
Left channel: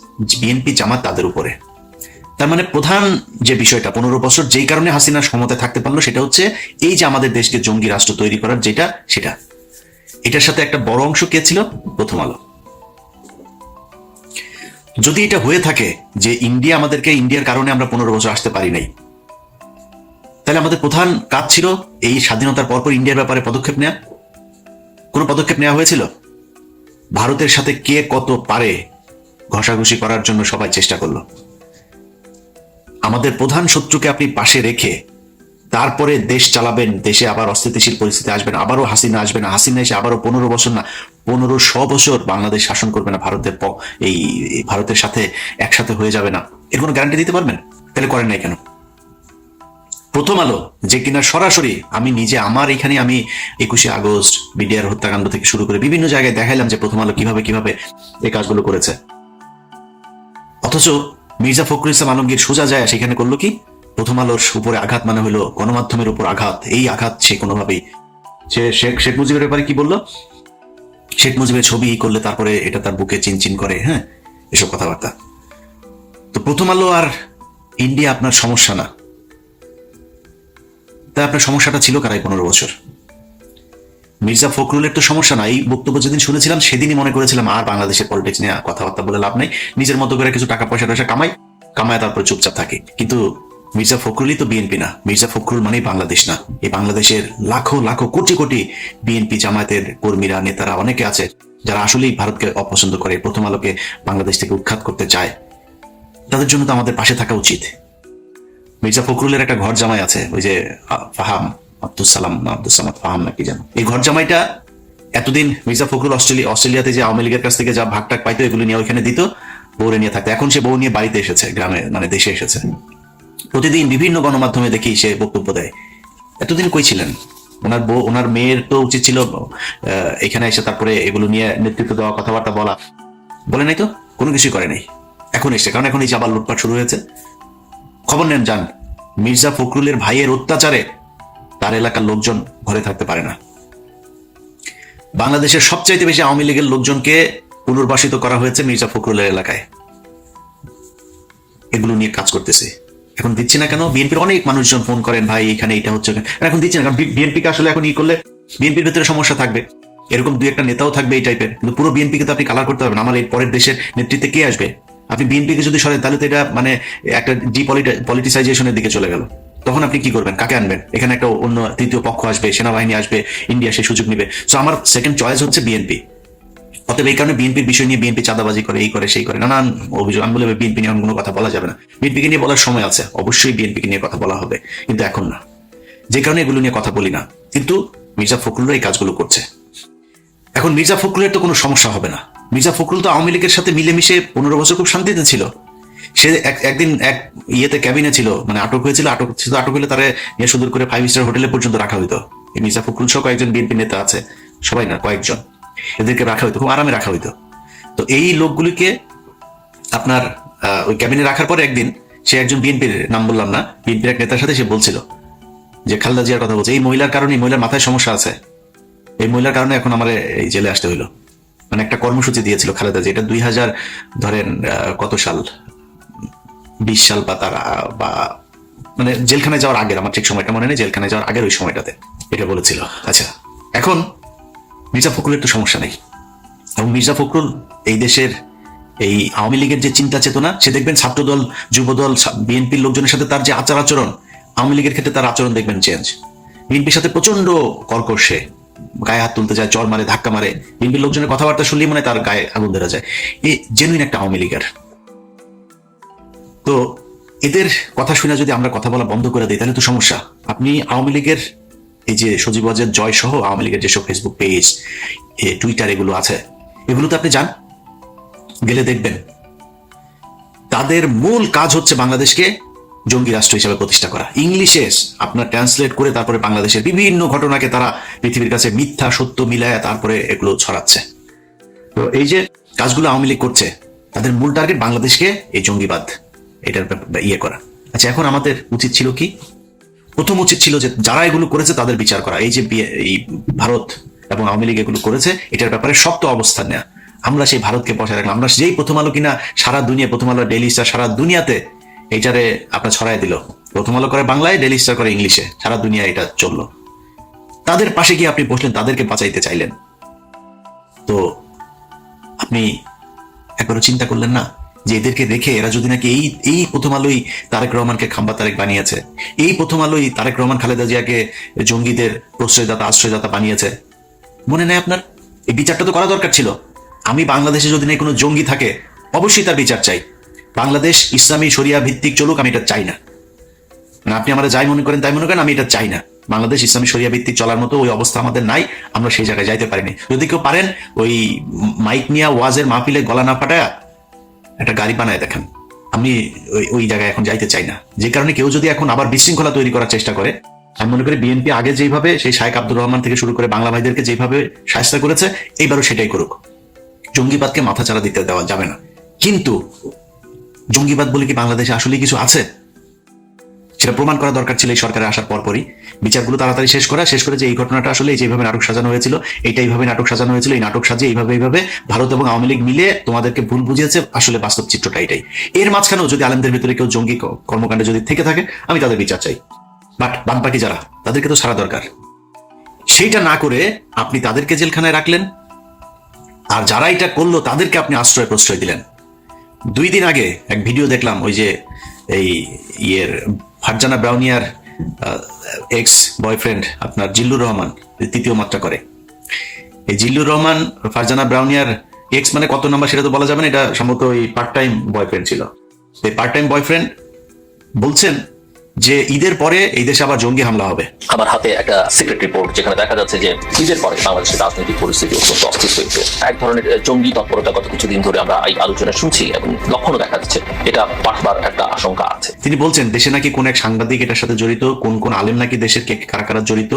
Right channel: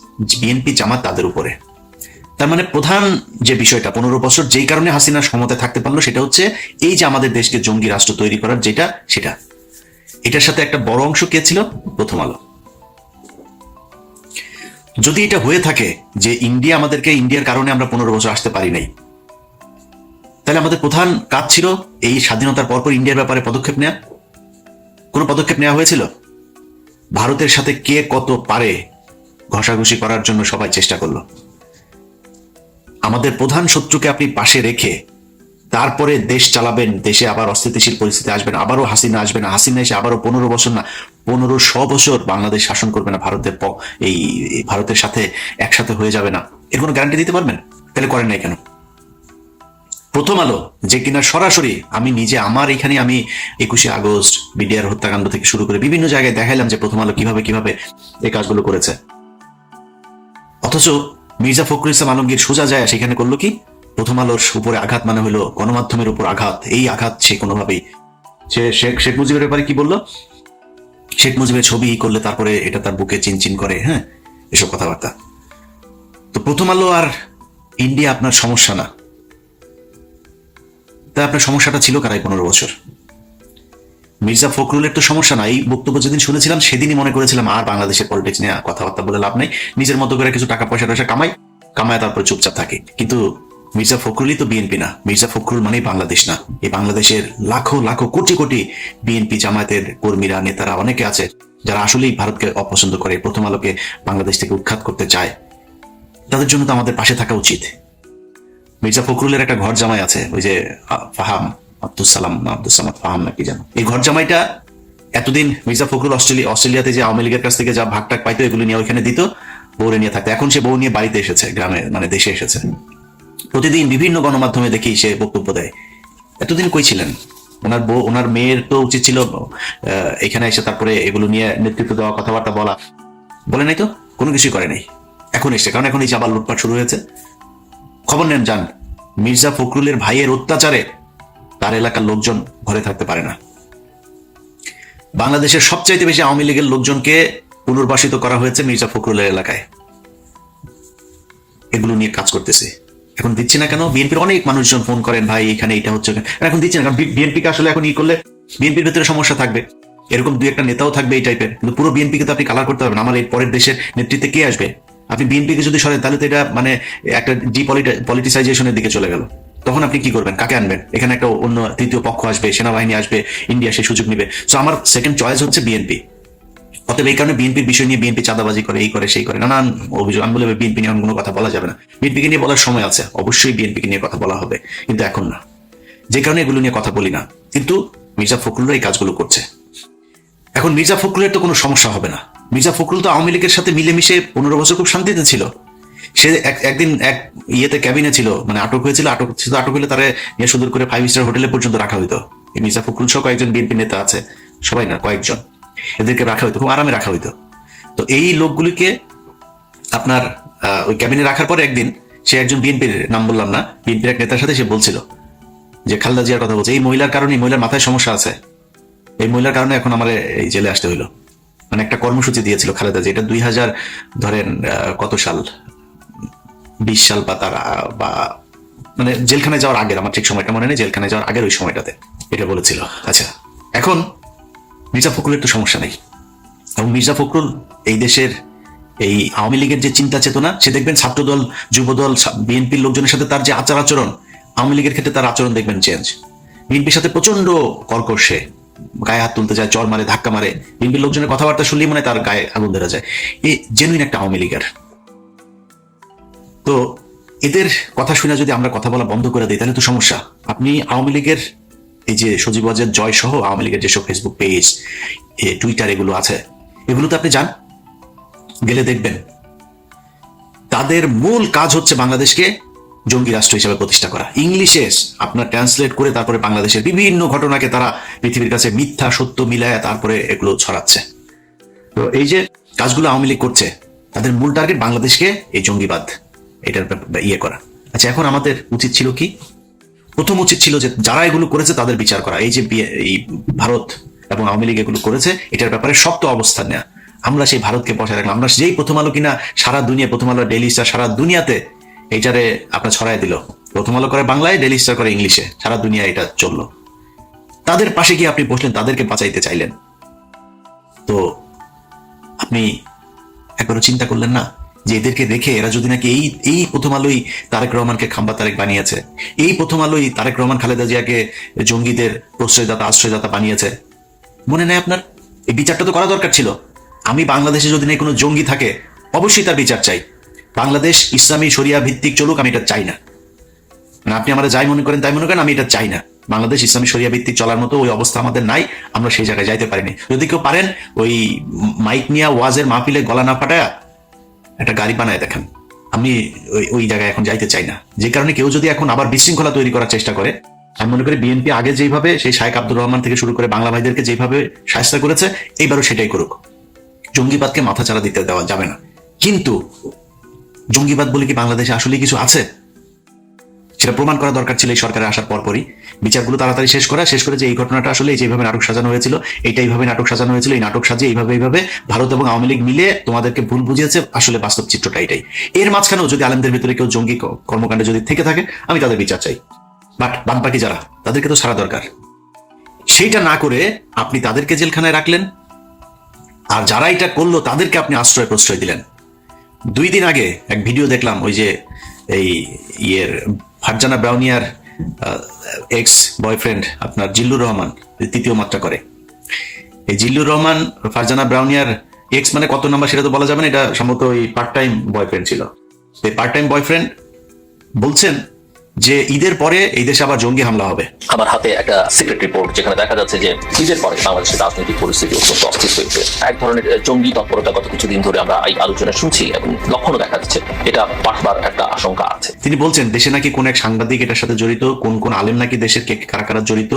বিএনপি জামাত তাদের উপরে। তার মানে প্রধান যে বিষয়টা, পনেরো বছর যেই কারণে হাসিনা ক্ষমতা থাকতে পারল, সেটা হচ্ছে এই যে আমাদের দেশকে জঙ্গি রাষ্ট্র তৈরি করার যেটা, সেটা। এটার সাথে একটা বড় অংশ কে ছিল? প্রথম আলো। যদি এটা হয়ে থাকে যে ইন্ডিয়া আমাদেরকে ইন্ডিয়ার কারণে আমরা পনেরো বছর আসতে পারি নাই, তাহলে আমাদের প্রধান কাজ ছিল এই স্বাধীনতার পরপর ইন্ডিয়ার ব্যাপারে পদক্ষেপ নেওয়া কোনো পদক্ষেপ নেওয়া হয়েছিল? ভারতের সাথে কে কত পারে ঘষাঘষি করার জন্য সবাই চেষ্টা করল। আমাদের প্রধান শত্রুকে আপনি পাশে রেখে তারপরে দেশ চালাবেন, দেশে আবার অস্থিতিশীল পরিস্থিতি আসবেন, আবারও হাসিনা আসবেন হাসিনা এসে আবারও পনেরো বছর না, পনেরো শ বছর বাংলাদেশ শাসন করবে না, ভারতের এই ভারতের সাথে একসাথে হয়ে যাবে না। এর কোনো গ্যারান্টি দিতে পারবেন? তাহলে করেন নাই কেন? প্রথম আলো, যে কিনা সরাসরি আমি নিজে আমার এখানে আমি একুশে আগস্ট, বিডিআর হত্যাকাণ্ড থেকে শুরু করে বিভিন্ন জায়গায় দেখাইলাম যে প্রথম আলো কীভাবে কীভাবে এই কাজগুলো করেছে। অথচ মির্জা ফখরুল ইসলাম আলমগীর সোজা যায় সেখানে করল কি? প্রথম আলোর উপরে আঘাত মানে হলো গণমাধ্যমের উপর আঘাত। এই আঘাত সে কোনোভাবেই সে শেখ শেখ মুজিবের ব্যাপারে কি বলল? শেখ মুজিবের ছবি করলে তারপরে এটা তার বুকে চিনচিন করে হ্যাঁ? এসব কথাবার্তা। তো প্রথম আলো আর ইন্ডিয়া আপনার সমস্যা না। তা আপনার সমস্যাটা ছিল কারাই পনেরো বছর? মির্জা ফখরুলের তো সমস্যা নাই এই বক্তব্য যেদিন শুনেছিলাম, সেদিনই মনে করেছিলাম, আর বাংলাদেশের পলিটিক্স নিয়ে কথাবার্তা বলে লাভ নেই। নিজের মতো করে কিছু টাকা পয়সা টয়সা কামাই, কামায় তারপর চুপচাপ থাকে। কিন্তু মির্জা ফখরুলই তো বিএনপি না। মির্জা ফখরুল মানে বাংলাদেশ না। এই বাংলাদেশের লাখো লাখো, কোটি কোটি বিএনপি জামায়াতের কর্মীরা, নেতারা অনেকে আছে, যারা আসলেই ভারতকে অপছন্দ করে, প্রথম আলোকে বাংলাদেশ থেকে উৎখাত করতে চায়। তাদের জন্য তো আমাদের পাশে থাকা উচিত। মির্জা ফখরুলের একটা ঘর জামাই আছে, ওই যে আব্দুল সালাম আব্দুল সালাম ফাহাম নাকি এই ঘর জামাইটা এতদিন মির্জা ফখরুল অস্ট্রেলিয়া অস্ট্রেলিয়াতে যে আওয়ামী লীগের কাছ থেকে যা ভাগ টাক পাইতো, এগুলো নিয়ে ওইখানে দিত, বউরে নিয়ে থাকতো। এখন সে বউ নিয়ে বাড়িতে এসেছে, গ্রামে মানে দেশে এসেছে। প্রতিদিন বিভিন্ন গণমাধ্যমে দেখি সে বক্তব্য দেয়। এতদিন কই ছিলেন? ওনার বউ, ওনার মেয়ের তো উচিত ছিল এখানে এসে তারপরে এগুলো নিয়ে দেওয়া, কথাবার্তা বলা। বলে নাই তো? কোনো কিছুই করে নাই। এখন এসে কারণ এখন এই যে আবার লুটপাট শুরু হয়েছে। খবর নেন, যান। মির্জা ফখরুলের ভাইয়ের অত্যাচারে তার এলাকার লোকজন ঘরে থাকতে পারে না। বাংলাদেশের সবচাইতে বেশি আওয়ামী লীগের লোকজনকে পুনর্বাসিত করা হয়েছে মির্জা ফখরুলের এলাকায়। এগুলো নিয়ে কাজ করতেছে। এখন দিচ্ছে না কেন? বিএনপির অনেক মানুষজন ফোন করেন ভাই এখানে এটা হচ্ছে এখন দিচ্ছে না বিএনপিকে আসলে এখন ই করলে বিএনপির ভিতরে সমস্যা থাকবে। এরকম দু একটা নেতাও থাকবে এই টাইপের কিন্তু পুরো বিএনপিকে তো আপনি কালার করতে হবে না। আমার এই পরের দেশের নেতৃত্বে কে আসবে? আপনি বিএনপিকে যদি সরেন তাহলে তো এটা মানে একটা ডিপলিটিসাইজেশনের দিকে চলে গেল। তখন আপনি কি করবেন? কাকে আনবেন? এখানে একটা অন্য তৃতীয় পক্ষ আসবে, সেনাবাহিনী আসবে, ইন্ডিয়া সেই সুযোগ নেবে। সো আমার সেকেন্ড চয়েস হচ্ছে বিএনপি অতএব এই কারণে বিএনপির বিষয় নিয়ে বিএনপি চাঁদাবাজি করে, এই করে, সেই করে। নানান অভিযোগ, আমি বলে বিএনপি নিয়ে কোনো কথা বলা যাবে না। বিএনপিকে নিয়ে বলার সময় আছে, অবশ্যই বিএনপিকে নিয়ে কথা বলা হবে। কিন্তু এখন না। যে কারণে এগুলো নিয়ে কথা বলি না। কিন্তু মির্জা ফখরুল এই কাজগুলো করছে। এখন মির্জা ফখরুলের তো কোনো সমস্যা হবে না। মির্জা ফখরুল তো আওয়ামী লীগের সাথে মিলেমিশে পনেরো বছর খুব শান্তিতে ছিল। সে একদিন এক ইয়েতে ক্যাবিনে ছিল মানে আটক হয়েছিল, আটক ছিল, আটক হলে তারা নিয়ে সুন্দর করে ফাইভ স্টার হোটেলে পর্যন্ত রাখা হইতো। মির্জা ফখরুল সহ কয়েকজন বিএনপি নেতা আছে। সবাই না, কয়েকজন। ওদেরকে রাখা হইতো, খুব আরামে রাখা হইতো। তো এই লোকগুলিকে আপনার ওই ক্যাবিনে রাখার পরে একদিন সে একজন বিএনপির, নাম বললাম না, বিএনপির এক নেতার সাথে সে বলছিল যে, খালদা জিয়ার কথা বলছে, এই মহিলার কারণে মহিলার মাথায় সমস্যা আছে। এই মহিলার কারণে এখন আমার এই জেলে আসতে হইল। মানে একটা কর্মসূচি দিয়েছিল খালেদা জি এটা দুই হাজার, ধরেন কত সাল? বিশ সাল বা তার, বা মানে জেলখানায় যাওয়ার আগের, আমার ঠিক সময়টা মনে নেই, জেলখানায় যাওয়ার আগের ওই সময়টাতে এটা বলেছিল। আচ্ছা এখন মির্জা ফখরুলের তো সমস্যা নেই। এবং মির্জা ফখরুল এই দেশের এই আওয়ামী লীগের যে চিন্তা চেতনা, সে দেখবেন ছাত্রদল, যুবদল বিএনপির লোকজনের সাথে তার যে আচার আচরণ, আওয়ামী লীগের ক্ষেত্রে তার আচরণ দেখবেন চেঞ্জ বিএনপির সাথে প্রচণ্ড কর্কশে গায়ে হাত তুলতে যায়, চর মারে, ধাক্কা মারে। বিএনপির লোকজনের কথাবার্তা শুনলেই মানে তার গায়ে আগুন ধরা যায়। এই জেনুইন একটা আওয়ামী লীগের। এদের কথা শুনে যদি আমরা কথা বলা বন্ধ করে দিই, তাহলে তো সমস্যা আপনি আওয়ামী লীগের এই যে সজীব ওয়াজেদ জয় সহ আওয়ামী লীগের যেসব ফেসবুক পেজ টুইটার এগুলো আছে, এগুলোতে আপনি যান, গেলে দেখবেন তাদের মূল কাজ হচ্ছে বাংলাদেশকে জঙ্গি রাষ্ট্র হিসাবে প্রতিষ্ঠা করা। ইংলিশে আপনার ট্রান্সলেট করে তারপরে বাংলাদেশের বিভিন্ন ঘটনাকে তারা পৃথিবীর কাছে মিথ্যা, সত্য মিলায় তারপরে এগুলো ছড়াচ্ছে। তো এই যে কাজগুলো আওয়ামী লীগ করছে, তাদের মূল টার্গেট বাংলাদেশকে এই জঙ্গিবাদ। এটার ব্যাপার- ইয়ে করা। আচ্ছা এখন আমাদের উচিত ছিল কি? প্রথম উচিত ছিল যে, যারা এগুলো করেছে তাদের বিচার করা। এই যে এই ভারত এবং আওয়ামী লীগ এগুলো করেছে, এটার ব্যাপারে শক্ত অবস্থান নেওয়া আমরা সেই ভারতকে বসে রাখলাম। আমরা যেই প্রথম আলো কিনা, সারা দুনিয়া, প্রথম আলো ডেলি স্টার, সারা দুনিয়াতে এটারে আপনার ছড়াই দিল। প্রথম আলো করে বাংলায় ডেলি স্টার করে ইংলিশে। সারা দুনিয়া এটা চলল। তাদের পাশে গিয়ে আপনি বসলেন, তাদেরকে বাঁচাইতে চাইলেন। তো আপনি একবারও চিন্তা করলেন না? যে এদেরকে রেখে এরা যদি নাকি এই এই প্রথম আলোই তারেক রহমানকে খাম্বা তারেক বানিয়েছে, এই প্রথম আলোই তারেক রহমান, খালেদা জিয়াকে জঙ্গিদের প্রশ্রয়দাতা, আশ্রয়দাতা বানিয়েছে। মনে নেই আপনার? এই বিচারটা তো করা দরকার ছিল। আমি বাংলাদেশে যদি না কোনো জঙ্গি থাকে, অবশ্যই তার বিচার চাই। বাংলাদেশ ইসলামী শরিয়া ভিত্তিক চলুক, আমি এটা চাই না, আপনি আমাদের যাই মনে করেন, তাই মনে করেন, আমি এটা চাই না। বাংলাদেশ ইসলামী শরিয়া ভিত্তিক চলার মতো ওই অবস্থা আমাদের নাই, আমরা সেই জায়গায় যাইতে পারিনি। যদি কেউ পারেন, ওই মাইক নিয়ে ওয়াজের মাহফিলে গলা না ফাটায়া একটা গাড়ি বানায় দেখেন। আমি ওই ওই জায়গায় এখন যাইতে চাই না। যে কারণে কেউ যদি এখন আবার বিশৃঙ্খলা তৈরি করার চেষ্টা করে, আমি মনে করি বিএনপি আগে যেভাবে সেই শাহেক আব্দুর রহমান থেকে শুরু করে বাংলা ভাইদেরকে যেভাবে সাহায্য করেছে, এইবারও সেটাই করুক। জঙ্গিবাদকে মাথা চালা দিতে দেওয়া যাবে না। কিন্তু জঙ্গিবাদ বলে কি বাংলাদেশে আসলে কিছু আছে? সেটা প্রমাণ করা দরকার ছিল সরকারের আসার পরপরই বিচারগুলো তাড়াতাড়ি শেষ করা, শেষ করে যে এই ঘটনাটা আসলে যেভাবে নাটক সাজানো হয়েছিল এটা এইভাবে নাটক সাজানো হয়েছিল, এই নাটক সাজিয়ে এইভাবে এইভাবে ভারত এবং আওয়ামী লীগ মিলে তোমাদেরকে ভুল বুঝিয়েছে, আসলে বাস্তব চিত্রটা এটাই। এর মাঝখানেও যদি আলেমদের ভেতরে কেউ জঙ্গি কর্মকাণ্ডে যদি থেকে থাকে, আমি তাদের বিচার চাই। বামপাকি যারা, তাদেরকে তো সারা দরকার। সেইটা না করে আপনি তাদেরকে জেলখানায় রাখলেন, আর যারা এটা করল, তাদেরকে আপনি আশ্রয় প্রশ্রয় দিলেন। দুই দিন আগে এক ভিডিও দেখলাম, ওই যে এই ইয়ের ফারজানা ব্রাউনিয়ার এক্স বয়ফ্রেন্ড আপনার জিল্লুর রহমান। তৃতীয় মাত্রা করে। এই জিল্লুর রহমান ফারজানা ব্রাউনিয়ার এক্স মানে কত নাম্বার সেটা তো বলা যাবে না এটা সম্ভবত ওই পার্ট টাইম বয়ফ্রেন্ড ছিল। এই পার্ট টাইম বয়ফ্রেন্ড বলছেন যে ঈদের পরে এই দেশে আবার জঙ্গি হামলা হবে। আমার হাতে একটা সিক্রেট রিপোর্ট যেখানে দেখা যাচ্ছে যে ঈদের পরে বাংলাদেশের রাজনৈতিক পরিস্থিতি অত্যন্ত অস্থির হয়েছে। এক ধরনের জঙ্গি তৎপরতা গত কিছুদিন ধরে আমরা এই আলোচনা শুনছি এবং লক্ষণও দেখা যাচ্ছে। এটা বাড়বার একটা আশঙ্কা আছে। তিনি বলছেন দেশে নাকি কোন এক সাংবাদিক এটার সাথে জড়িত কোন কোন আলেম নাকি দেশের কে কারা কারা জড়িত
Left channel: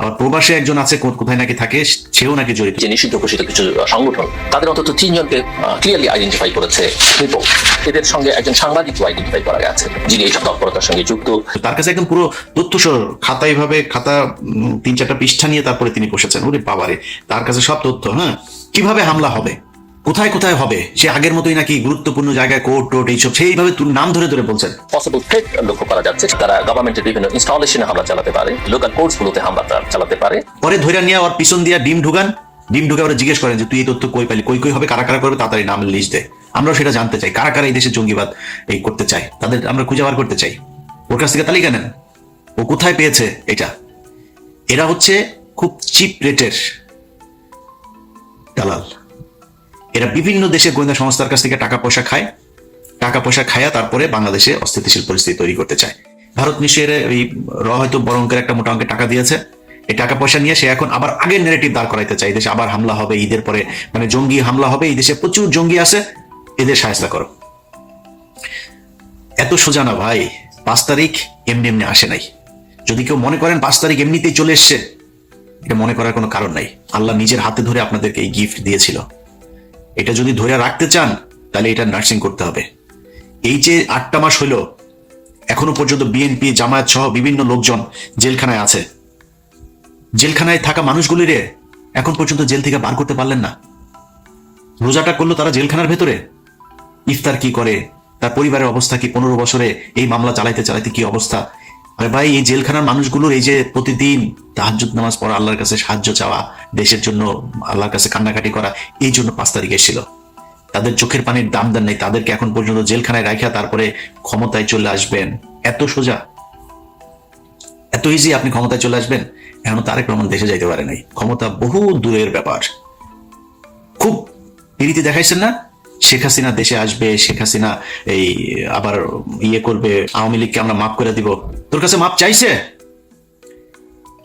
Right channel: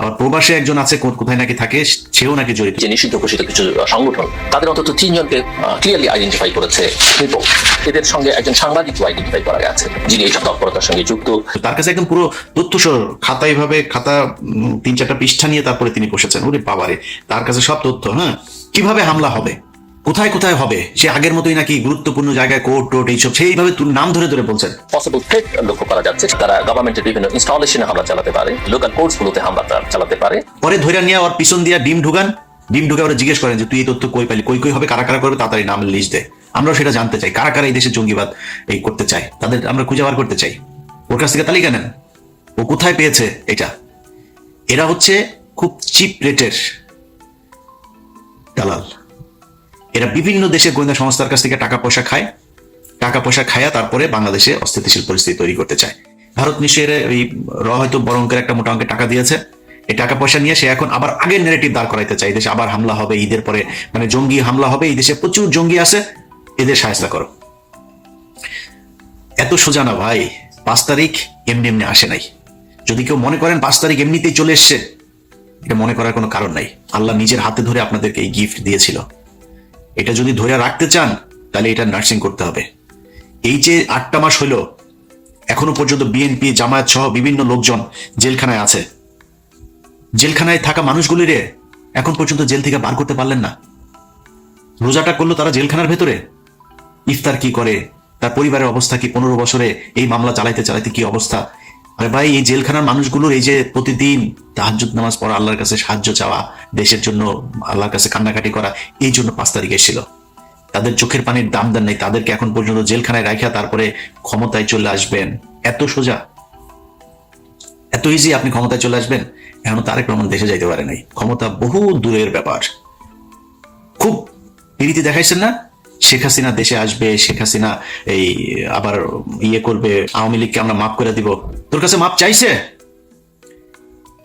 আবার প্রবাসে একজন আছে কোথায় নাকি থাকে সেও নাকি জড়িত। যে নিষিদ্ধ ঘোষিত কিছু সংগঠন তাদের অন্তত তিনজনকে ক্লিয়ারলি আইডেন্টিফাই করেছে। এদের সঙ্গে একজন সাংবাদিকও আইডেন্টিফাই করা আছে যিনি এইসব তৎপরতার সঙ্গে যুক্ত। তার কাছে একদম পুরো তথ্য সহ খাতা এভাবে খাতা তিন চারটা পৃষ্ঠা নিয়ে তারপরে তিনি বসেছেন। ওরে বাবারে তার কাছে সব তথ্য হ্যাঁ কীভাবে হামলা হবে? কোথায় কোথায় হবে? সে আগের মতোই নাকি গুরুত্বপূর্ণ জায়গায় কোর্ট টোট এইসব সেইভাবে নাম ধরে ধরে বলছেন। পসিবল লক্ষ্য করা যাচ্ছে। তারা গভর্নমেন্টের বিভিন্ন ইনস্টলেশনে হামলা চালাতে পারে। লোকাল কোর্টস গুলোতে হামলা চালাতে পারে। পরে ধরে নিয়ে ওর পিছন দিয়ে ডিম ঢুকান। ডিম ঢুকে ওরা জিজ্ঞেস করেন যে তুই এই তথ্য কই পাইলি কই কই হবে? কারা কারা করবে? তাড়াতাড়ি নামের লিস্ট দে। আমরাও সেটা জানতে চাই। কারা কারা এই দেশে জঙ্গিবাদ এই করতে চাই তাদের আমরা খুঁজে বার করতে চাই। ওর কাছ থেকে তালিকা নেন। ও কোথায় পেয়েছে এটা? এরা হচ্ছে খুব চিপ রেটের এরা বিভিন্ন দেশের গোয়েন্দা সংস্থার কাছ থেকে টাকা পয়সা খায়। টাকা পয়সা খায়া তারপরে বাংলাদেশে অস্থিতিশীল পরিস্থিতি তৈরি করতে চায়। ভারত মিশিয়ে এই হয়তো বড়ঙ্কার একটা মোটা অঙ্কের টাকা দিয়েছে। এই টাকা পয়সা নিয়ে সে এখন আবার আগের নেগেটিভ দাঁড় করাইতে চাই দেশে আবার হামলা হবে ঈদের পরে মানে জঙ্গি হামলা হবে এই দেশে প্রচুর জঙ্গি আছে। এদের সাহায্য করো। এত সোজা না ভাই পাঁচ তারিখ এমনি এমনি আসে নাই। যদি কেউ মনে করেন পাঁচ তারিখ এমনিতেই চলে এসছে এটা মনে করার কোনো কারণ নাই। আল্লাহ নিজের হাতে ধরে আপনাদেরকে এই গিফট দিয়েছিল। এটা যদি ধরে রাখতে চান, তাহলে এটা নার্সিং করতে হবে। এই যে আটটা মাস হলো, এখনও পর্যন্ত বিএনপি জামায়াত সহ বিভিন্ন লোকজন জেলখানায় আছে। জেলখানায় থাকা মানুষগুলির এখন পর্যন্ত জেল থেকে বার করতে পারলেন না। রোজাটা করল তারা জেলখানার ভেতরে। ইফতার কি করে? তার পরিবারের অবস্থা কি? পনেরো বছরে এই মামলা চালাইতে চালাইতে কি অবস্থা? আরে ভাই, এই জেলখানার মানুষগুলোর এই যে প্রতিদিন তাহাজ্জুদ নামাজ পড়া, আল্লাহর কাছে সাহায্য চাওয়া, দেশের জন্য আল্লাহর কাছে কান্নাকাটি করা, এই জন্য পাঁচ তারিখে ছিল। তাদের চোখের পানির দাম দেন নেই, তাদেরকে এখন পর্যন্ত জেলখানায় রাখা তারপরে ক্ষমতায় চলে আসবেন। এত সোজা। এত ইজি আপনি ক্ষমতায় চলে আসবেন এখন তারেক রহমান দেশে যাইতে পারে নাই। ক্ষমতা বহু দূরের ব্যাপার। খুব রীতি দেখাইছেন না? শেখ হাসিনা দেশে আসবে, শেখ হাসিনা এই আবার ইয়ে করবে, আওয়ামী লীগকে আমরা মাফ করে দিব। তোর কাছে মাপ চাইছে?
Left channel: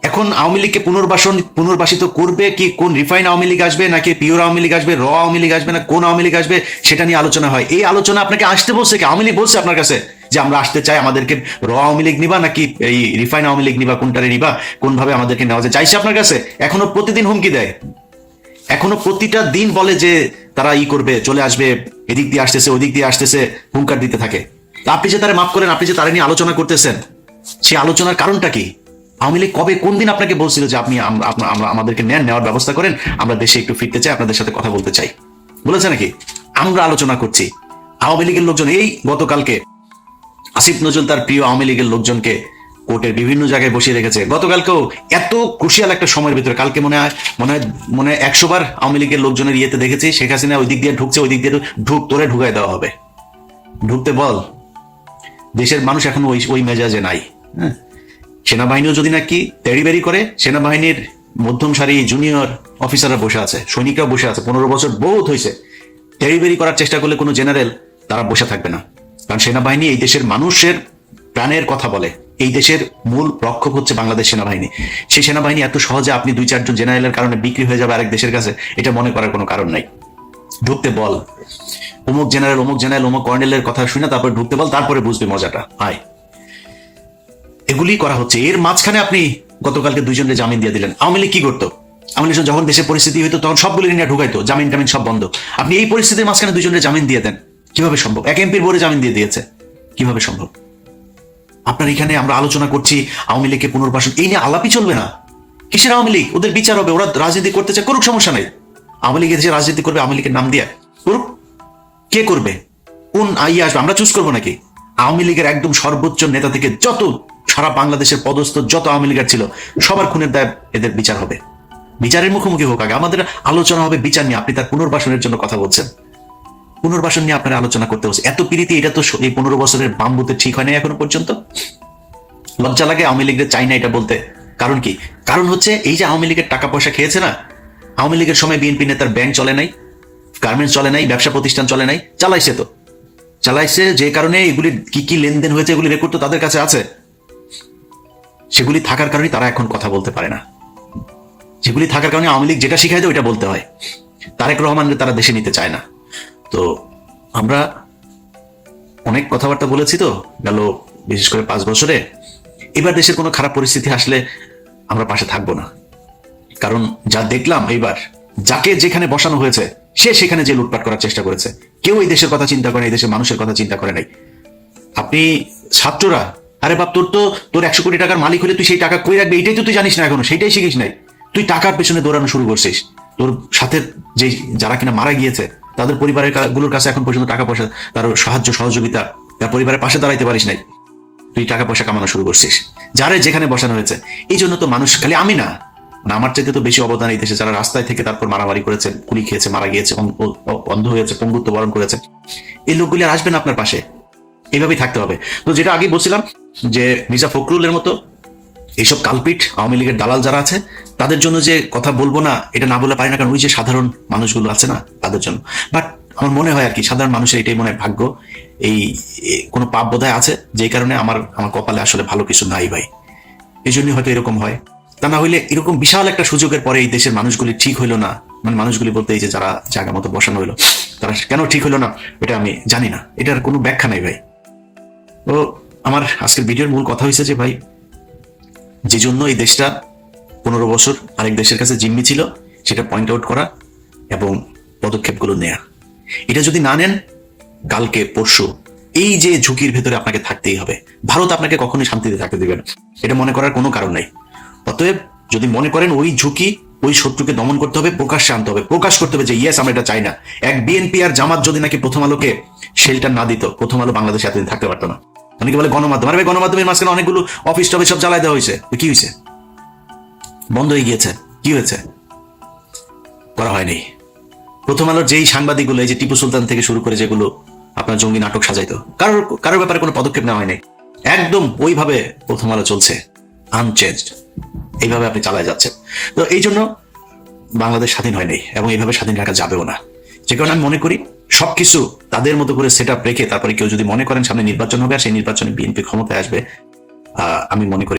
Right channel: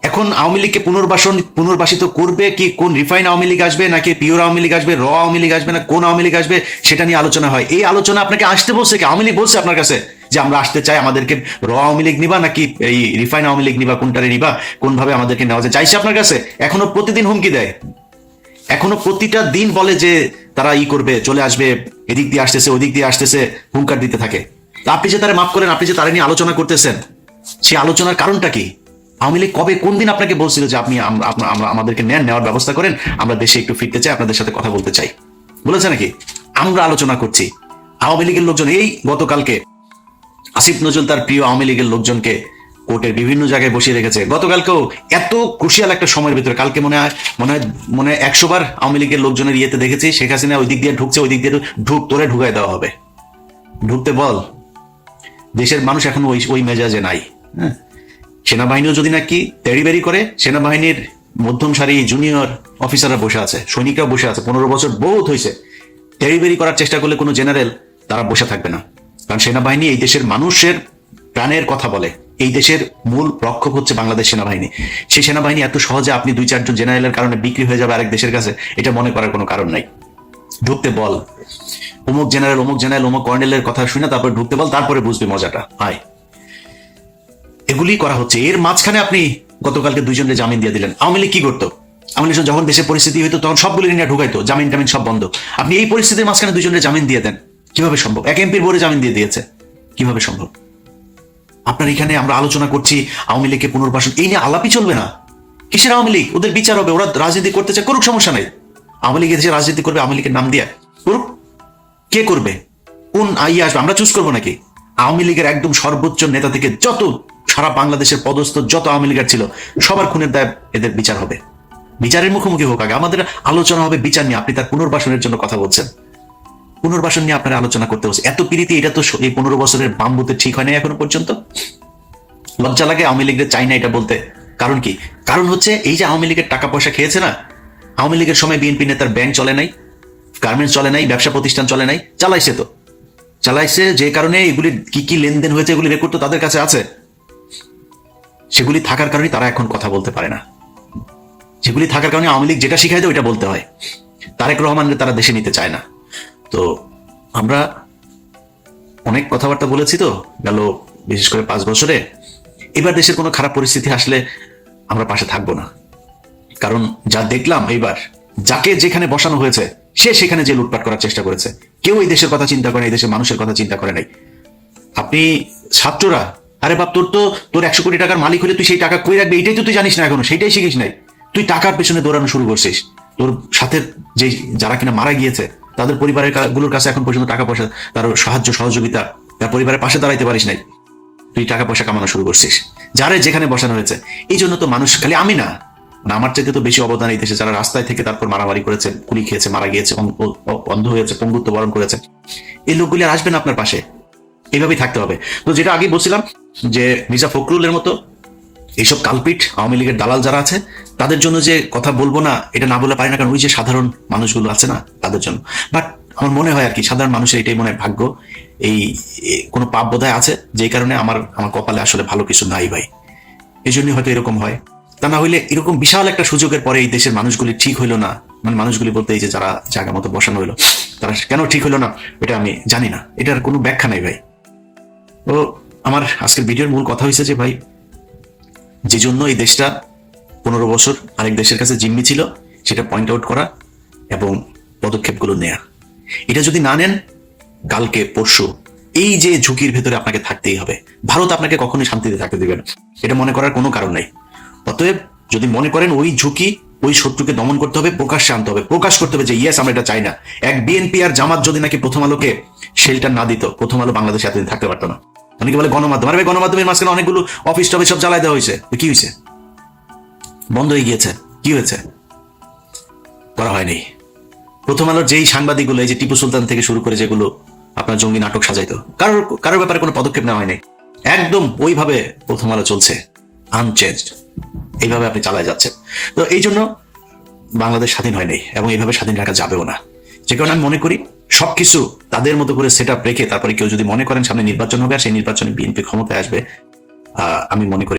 এখন আওয়ামী লীগকে পুনর্বাসন পুনর্বাসিত করবে কি কোন রিফাইন আওয়ামী লীগ আসবে নাকি পিওর আওয়ামী লীগ আসবে, র আওয়ামী লীগ আসবে না, কোন আওয়ামী লীগ আসবে, সেটা নিয়ে আলোচনা হয়। এই আলোচনা আপনাকে আসতে কি? আওয়ামী লীগ বলছে আপনার কাছে যে আমরা আসতে চাই আমাদেরকে র আওয়ামী লীগ নিবা নাকি এই রিফাইন আওয়ামী লীগ নিবা, কোনটারে নিবা কোন ভাবে আমাদেরকে নেওয়া যায়, চাইছে আপনার কাছে? এখনও প্রতিদিন হুমকি দেয়। এখনও প্রতিটা দিন বলে যে তারা ই করবে, চলে আসবে, এদিক দিয়ে আসতেছে, ওদিক দিয়ে আসতেছে, হুঙ্কার দিতে থাকে। আপনি যে তারা মাফ করেন, আপনি যে তারা নিয়ে আলোচনা করতেছেন সেই আলোচনার কারণটা কি? আওয়ামী লীগ কবে কোন দিন আপনাকে বলছিল যে আপনি আমাদেরকে নেন, নেওয়ার ব্যবস্থা করেন? আমরা দেশে একটু ফিরতে চাই, আপনাদের সাথে কথা বলতে চাই। বলেছে নাকি? আমরা আলোচনা করছি। আওয়ামী লীগের লোকজন, এই গতকালকে, আসিফ নজরুল তার প্রিয় আওয়ামী লীগের লোকজনকে কোর্টের বিভিন্ন জায়গায় বসিয়ে রেখেছে। গতকালকেও এত ক্রুশিয়াল একটা সময়ের ভিতরে, কালকে মনে হয় মনে হয় মনে হয় একশো বার আওয়ামী লীগের লোকজনের ইয়েতে দেখেছি, শেখ হাসিনা ওই দিক দিয়ে ঢুকছে, ওই দিক দিয়ে ঢুক, তোরে ঢুকাই দেওয়া হবে। ঢুকতে বল। দেশের মানুষ এখন ওই ওই মেজাজে নাই। হ্যাঁ। সেনাবাহিনীও যদি নাকি তেড়িবেড়ি করে, সেনাবাহিনীর মধ্যম সারি জুনিয়র অফিসাররা বসে আছে, সৈনিকরাও বসে আছে। পনেরো বছর বহুত হয়েছে। তেড়িবেড়ি করার চেষ্টা করলে কোনো জেনারেল তারা বসে থাকবে না। কারণ সেনাবাহিনী এই দেশের মানুষের প্রাণের কথা বলে। এই দেশের মূল রক্ষক হচ্ছে বাংলাদেশ সেনাবাহিনী। সেই সেনাবাহিনী এত সহজে আপনি দুই চারজন জেনারেলের কারণে বিক্রি হয়ে যাবে আরেক দেশের কাছে, এটা মনে করার কোনো কারণ নেই। ঢুকতে বল। অমুক জেনারেল অমুক জেনারেল, অমুক কর্নেলের কথা শুনে তারপর ঢুকতে বল, তারপরে বুঝবে মজাটা। হয় এগুলি করা হচ্ছে। এর মাঝখানে আপনি গতকালকে দুজনকে জামিন দিয়ে দিলেন। আওয়ামী লীগ কি করতো? আওয়ামী যখন দেশের পরিস্থিতি হইতো, তখন সবগুলি নিয়ে ঢুকাইতো। জামিন টামিন সব বন্ধ। আপনি এই পরিস্থিতির মাঝখানে দুজনকে জামিন দিয়ে দেন। কীভাবে সম্ভব? এক এমপির বোর্ডে জামিন দিয়ে দিয়েছে। কীভাবে সম্ভব? আপনার এখানে আমরা আলোচনা করছি আওয়ামী লীগকে পুনর্বাসন। এই নিয়ে আলাপই চলবে না। কিসের আওয়ামী লীগ? ওদের বিচার হবে ওরা রাজনীতি করতে চায় করুক সমস্যা নাই। আওয়ামী লীগের যে রাজনীতি করবে আওয়ামী লীগের নাম দিয়ে। করুক। কে করবে? কোন আইয়ে আসবে? আমরা চুজ করব নাকি? আওয়ামী লীগের একদম সর্বোচ্চ নেতা থেকে যত সারা বাংলাদেশের পদস্থ যত আওয়ামী লীগের ছিল সবার খুনের দায় এদের বিচার হবে। বিচারের মুখোমুখি হতে হবে। আমাদের আলোচনা হবে বিচার নিয়ে। আপনি তার পুনর্বাসনের জন্য কথা বলছেন। পুনর্বাসন নিয়ে আপনারা আলোচনা করতে হচ্ছে এত পিড়িতে এটা তো এই পনেরো বছরের দাম তো ঠিক হয়নি এখনও পর্যন্ত? লজ্জা লাগে আওয়ামী লীগের চাই না এটা বলতে। কারণ কি? কারণ হচ্ছে এই যে আওয়ামী লীগের টাকা পয়সা খেয়েছে না, আওয়ামী লীগের সময় বিএনপি নেতার ব্যাংক চলে নাই, গার্মেন্টস চলে নাই, ব্যবসা প্রতিষ্ঠান চলে নাই, চালাইছে তো। চালাইছে যে কারণে এগুলি কি কি লেনদেন হয়েছে এগুলি রেকর্ড তো তাদের কাছে আছে। সেগুলি থাকার কারণে তারা এখন কথা বলতে পারে না। সেগুলি থাকার কারণে আওয়ামী লীগ যেটা শিখায় তো ওইটা বলতে হয়। তারেক রহমানকে তারা দেশে নিতে চায় না। তো আমরা অনেক কথাবার্তা বলেছি তো। গেল বিশেষ করে পাঁচ বছরে। এবার দেশের কোনো খারাপ পরিস্থিতি আসলে আমরা পাশে থাকব না। কারণ যা দেখলাম এবার, যাকে যেখানে বসানো হয়েছে, সে সেখানে যে লুটপাট করার চেষ্টা করেছে। কেউ এই দেশের কথা চিন্তা করে এই দেশের মানুষের কথা চিন্তা করে নাই। আপনি ছাত্ররা, আরে বাপ, তোর তো, তোর একশো কোটি টাকার মালিক হলে তুই সেই টাকা কই রাখবি? এটাই তো তুই জানিস না এখনও সেটাই শিখিস নাই। তুই টাকার পেছনে দৌড়ানো শুরু করছিস। তোর সাথে যে যারা কিনা মারা গিয়েছে, তাদের পরিবারেরগুলোর কাছে এখন পর্যন্ত টাকা পয়সা, তার সাহায্য, সহযোগিতা তার পরিবারের পাশে দাঁড়াইতে পারিস নাই। তুই টাকা পয়সা কামানো শুরু করছিস। যারা যেখানে বসানো হয়েছে এই জন্য তো মানুষ খালি আমি না। আমার চাইতে তো বেশি অবদান এই দেশে, যারা রাস্তায় থেকে তারপর মারামারি করেছে গুলি খেয়েছে, মারা গিয়েছে অন্ধ হয়েছে, পঙ্গুত্ব বরণ করেছে, এই লোকগুলি আর আসবে না আপনার পাশে। এইভাবেই থাকতে হবে। তো যেটা আগে বলছিলাম, যে মির্জা ফখরুলের মতো এইসব কালপিট আওয়ামী লীগের দালাল যারা আছে, তাদের জন্য যে কথা বলব না, এটা না বলে পারি না, কারণ যে সাধারণ মানুষগুলো আছে না, মানুষজন। বাট আমার মনে হয় আর কি, সাধারণ মানুষের এটাই মনে হয় ভাগ্য। এই কোনো পাপ বোধহয় আছে? যেই কারণে আমার আমার কপালে আসলে ভালো কিছু নাই ভাই। এই জন্যই হয়তো এরকম হয়। তা না হইলে এরকম বিশাল একটা সুযোগের পরে এই দেশের মানুষগুলি ঠিক হইল না। মানে মানুষগুলি বলতে এই যে যারা জায়গা মতো বসানো হলো, তারা কেন ঠিক হইল না এটা আমি জানি না। এটার কোনো ব্যাখ্যা নাই ভাই। আমার আজকের ভিডিওর মূল কথা হয়েছে যে ভাই যে জন্য এই দেশটা পনেরো বছর আরেক দেশের কাছে জিম্মি ছিল, সেটা পয়েন্ট আউট করা এবং পদক্ষেপগুলো নেয়া। এটা যদি না নেন, কালকে, পরশু, এই যে ঝুঁকির ভেতরে আপনাকে থাকতেই হবে। ভারত আপনাকে কখনোই শান্তিতে থাকতে দিবে না। এটা মনে করার কোনো কারণ নেই। অতএব, যদি মনে করেন ওই ঝুঁকি, ওই শত্রুকে দমন করতে হবে, প্রকাশ্যে আনতে হবে। প্রকাশ করতে হবে যে ইয়েস আমরা এটা চাই না। এক বিএনপি আর জামাত যদি নাকি প্রথম আলোকে শেল্টার না দিত, প্রথম আলো বাংলাদেশে এতদিন থাকতে পারতো না। অনেকে বলে গণমাধ্যম। আরে ভাই, গণমাধ্যমের মাঝখানে অনেকগুলো অফিস টফিস সব জ্বালাই দেওয়া হয়েছে। কি হয়েছে? বন্ধ হয়ে গিয়েছে। কি হয়েছে? করা হয়নি। প্রথম আলোর যেই সাংবাদিকগুলো এই যে টিপু সুলতান থেকে শুরু করে যেগুলো আপনার জঙ্গি নাটক সাজাইতো কারোর কারোর ব্যাপারে কোনো পদক্ষেপ নেওয়া হয়নি। একদম ওইভাবে প্রথম আলো চলছে। আনচেঞ্জড এইভাবে আপনি চালায় যাচ্ছেন। তো এই জন্য বাংলাদেশ স্বাধীন হয়নি এবং এইভাবে স্বাধীন রাখা যাবেও না। যে কারণে আমি মনে করি সবকিছু তাদের মতো করে সেট আপ রেখে তারপরে কেউ যদি মনে করেন সামনে নির্বাচন হবে আর সেই নির্বাচনে বিএনপি ক্ষমতায় আসবে আমি মনে করি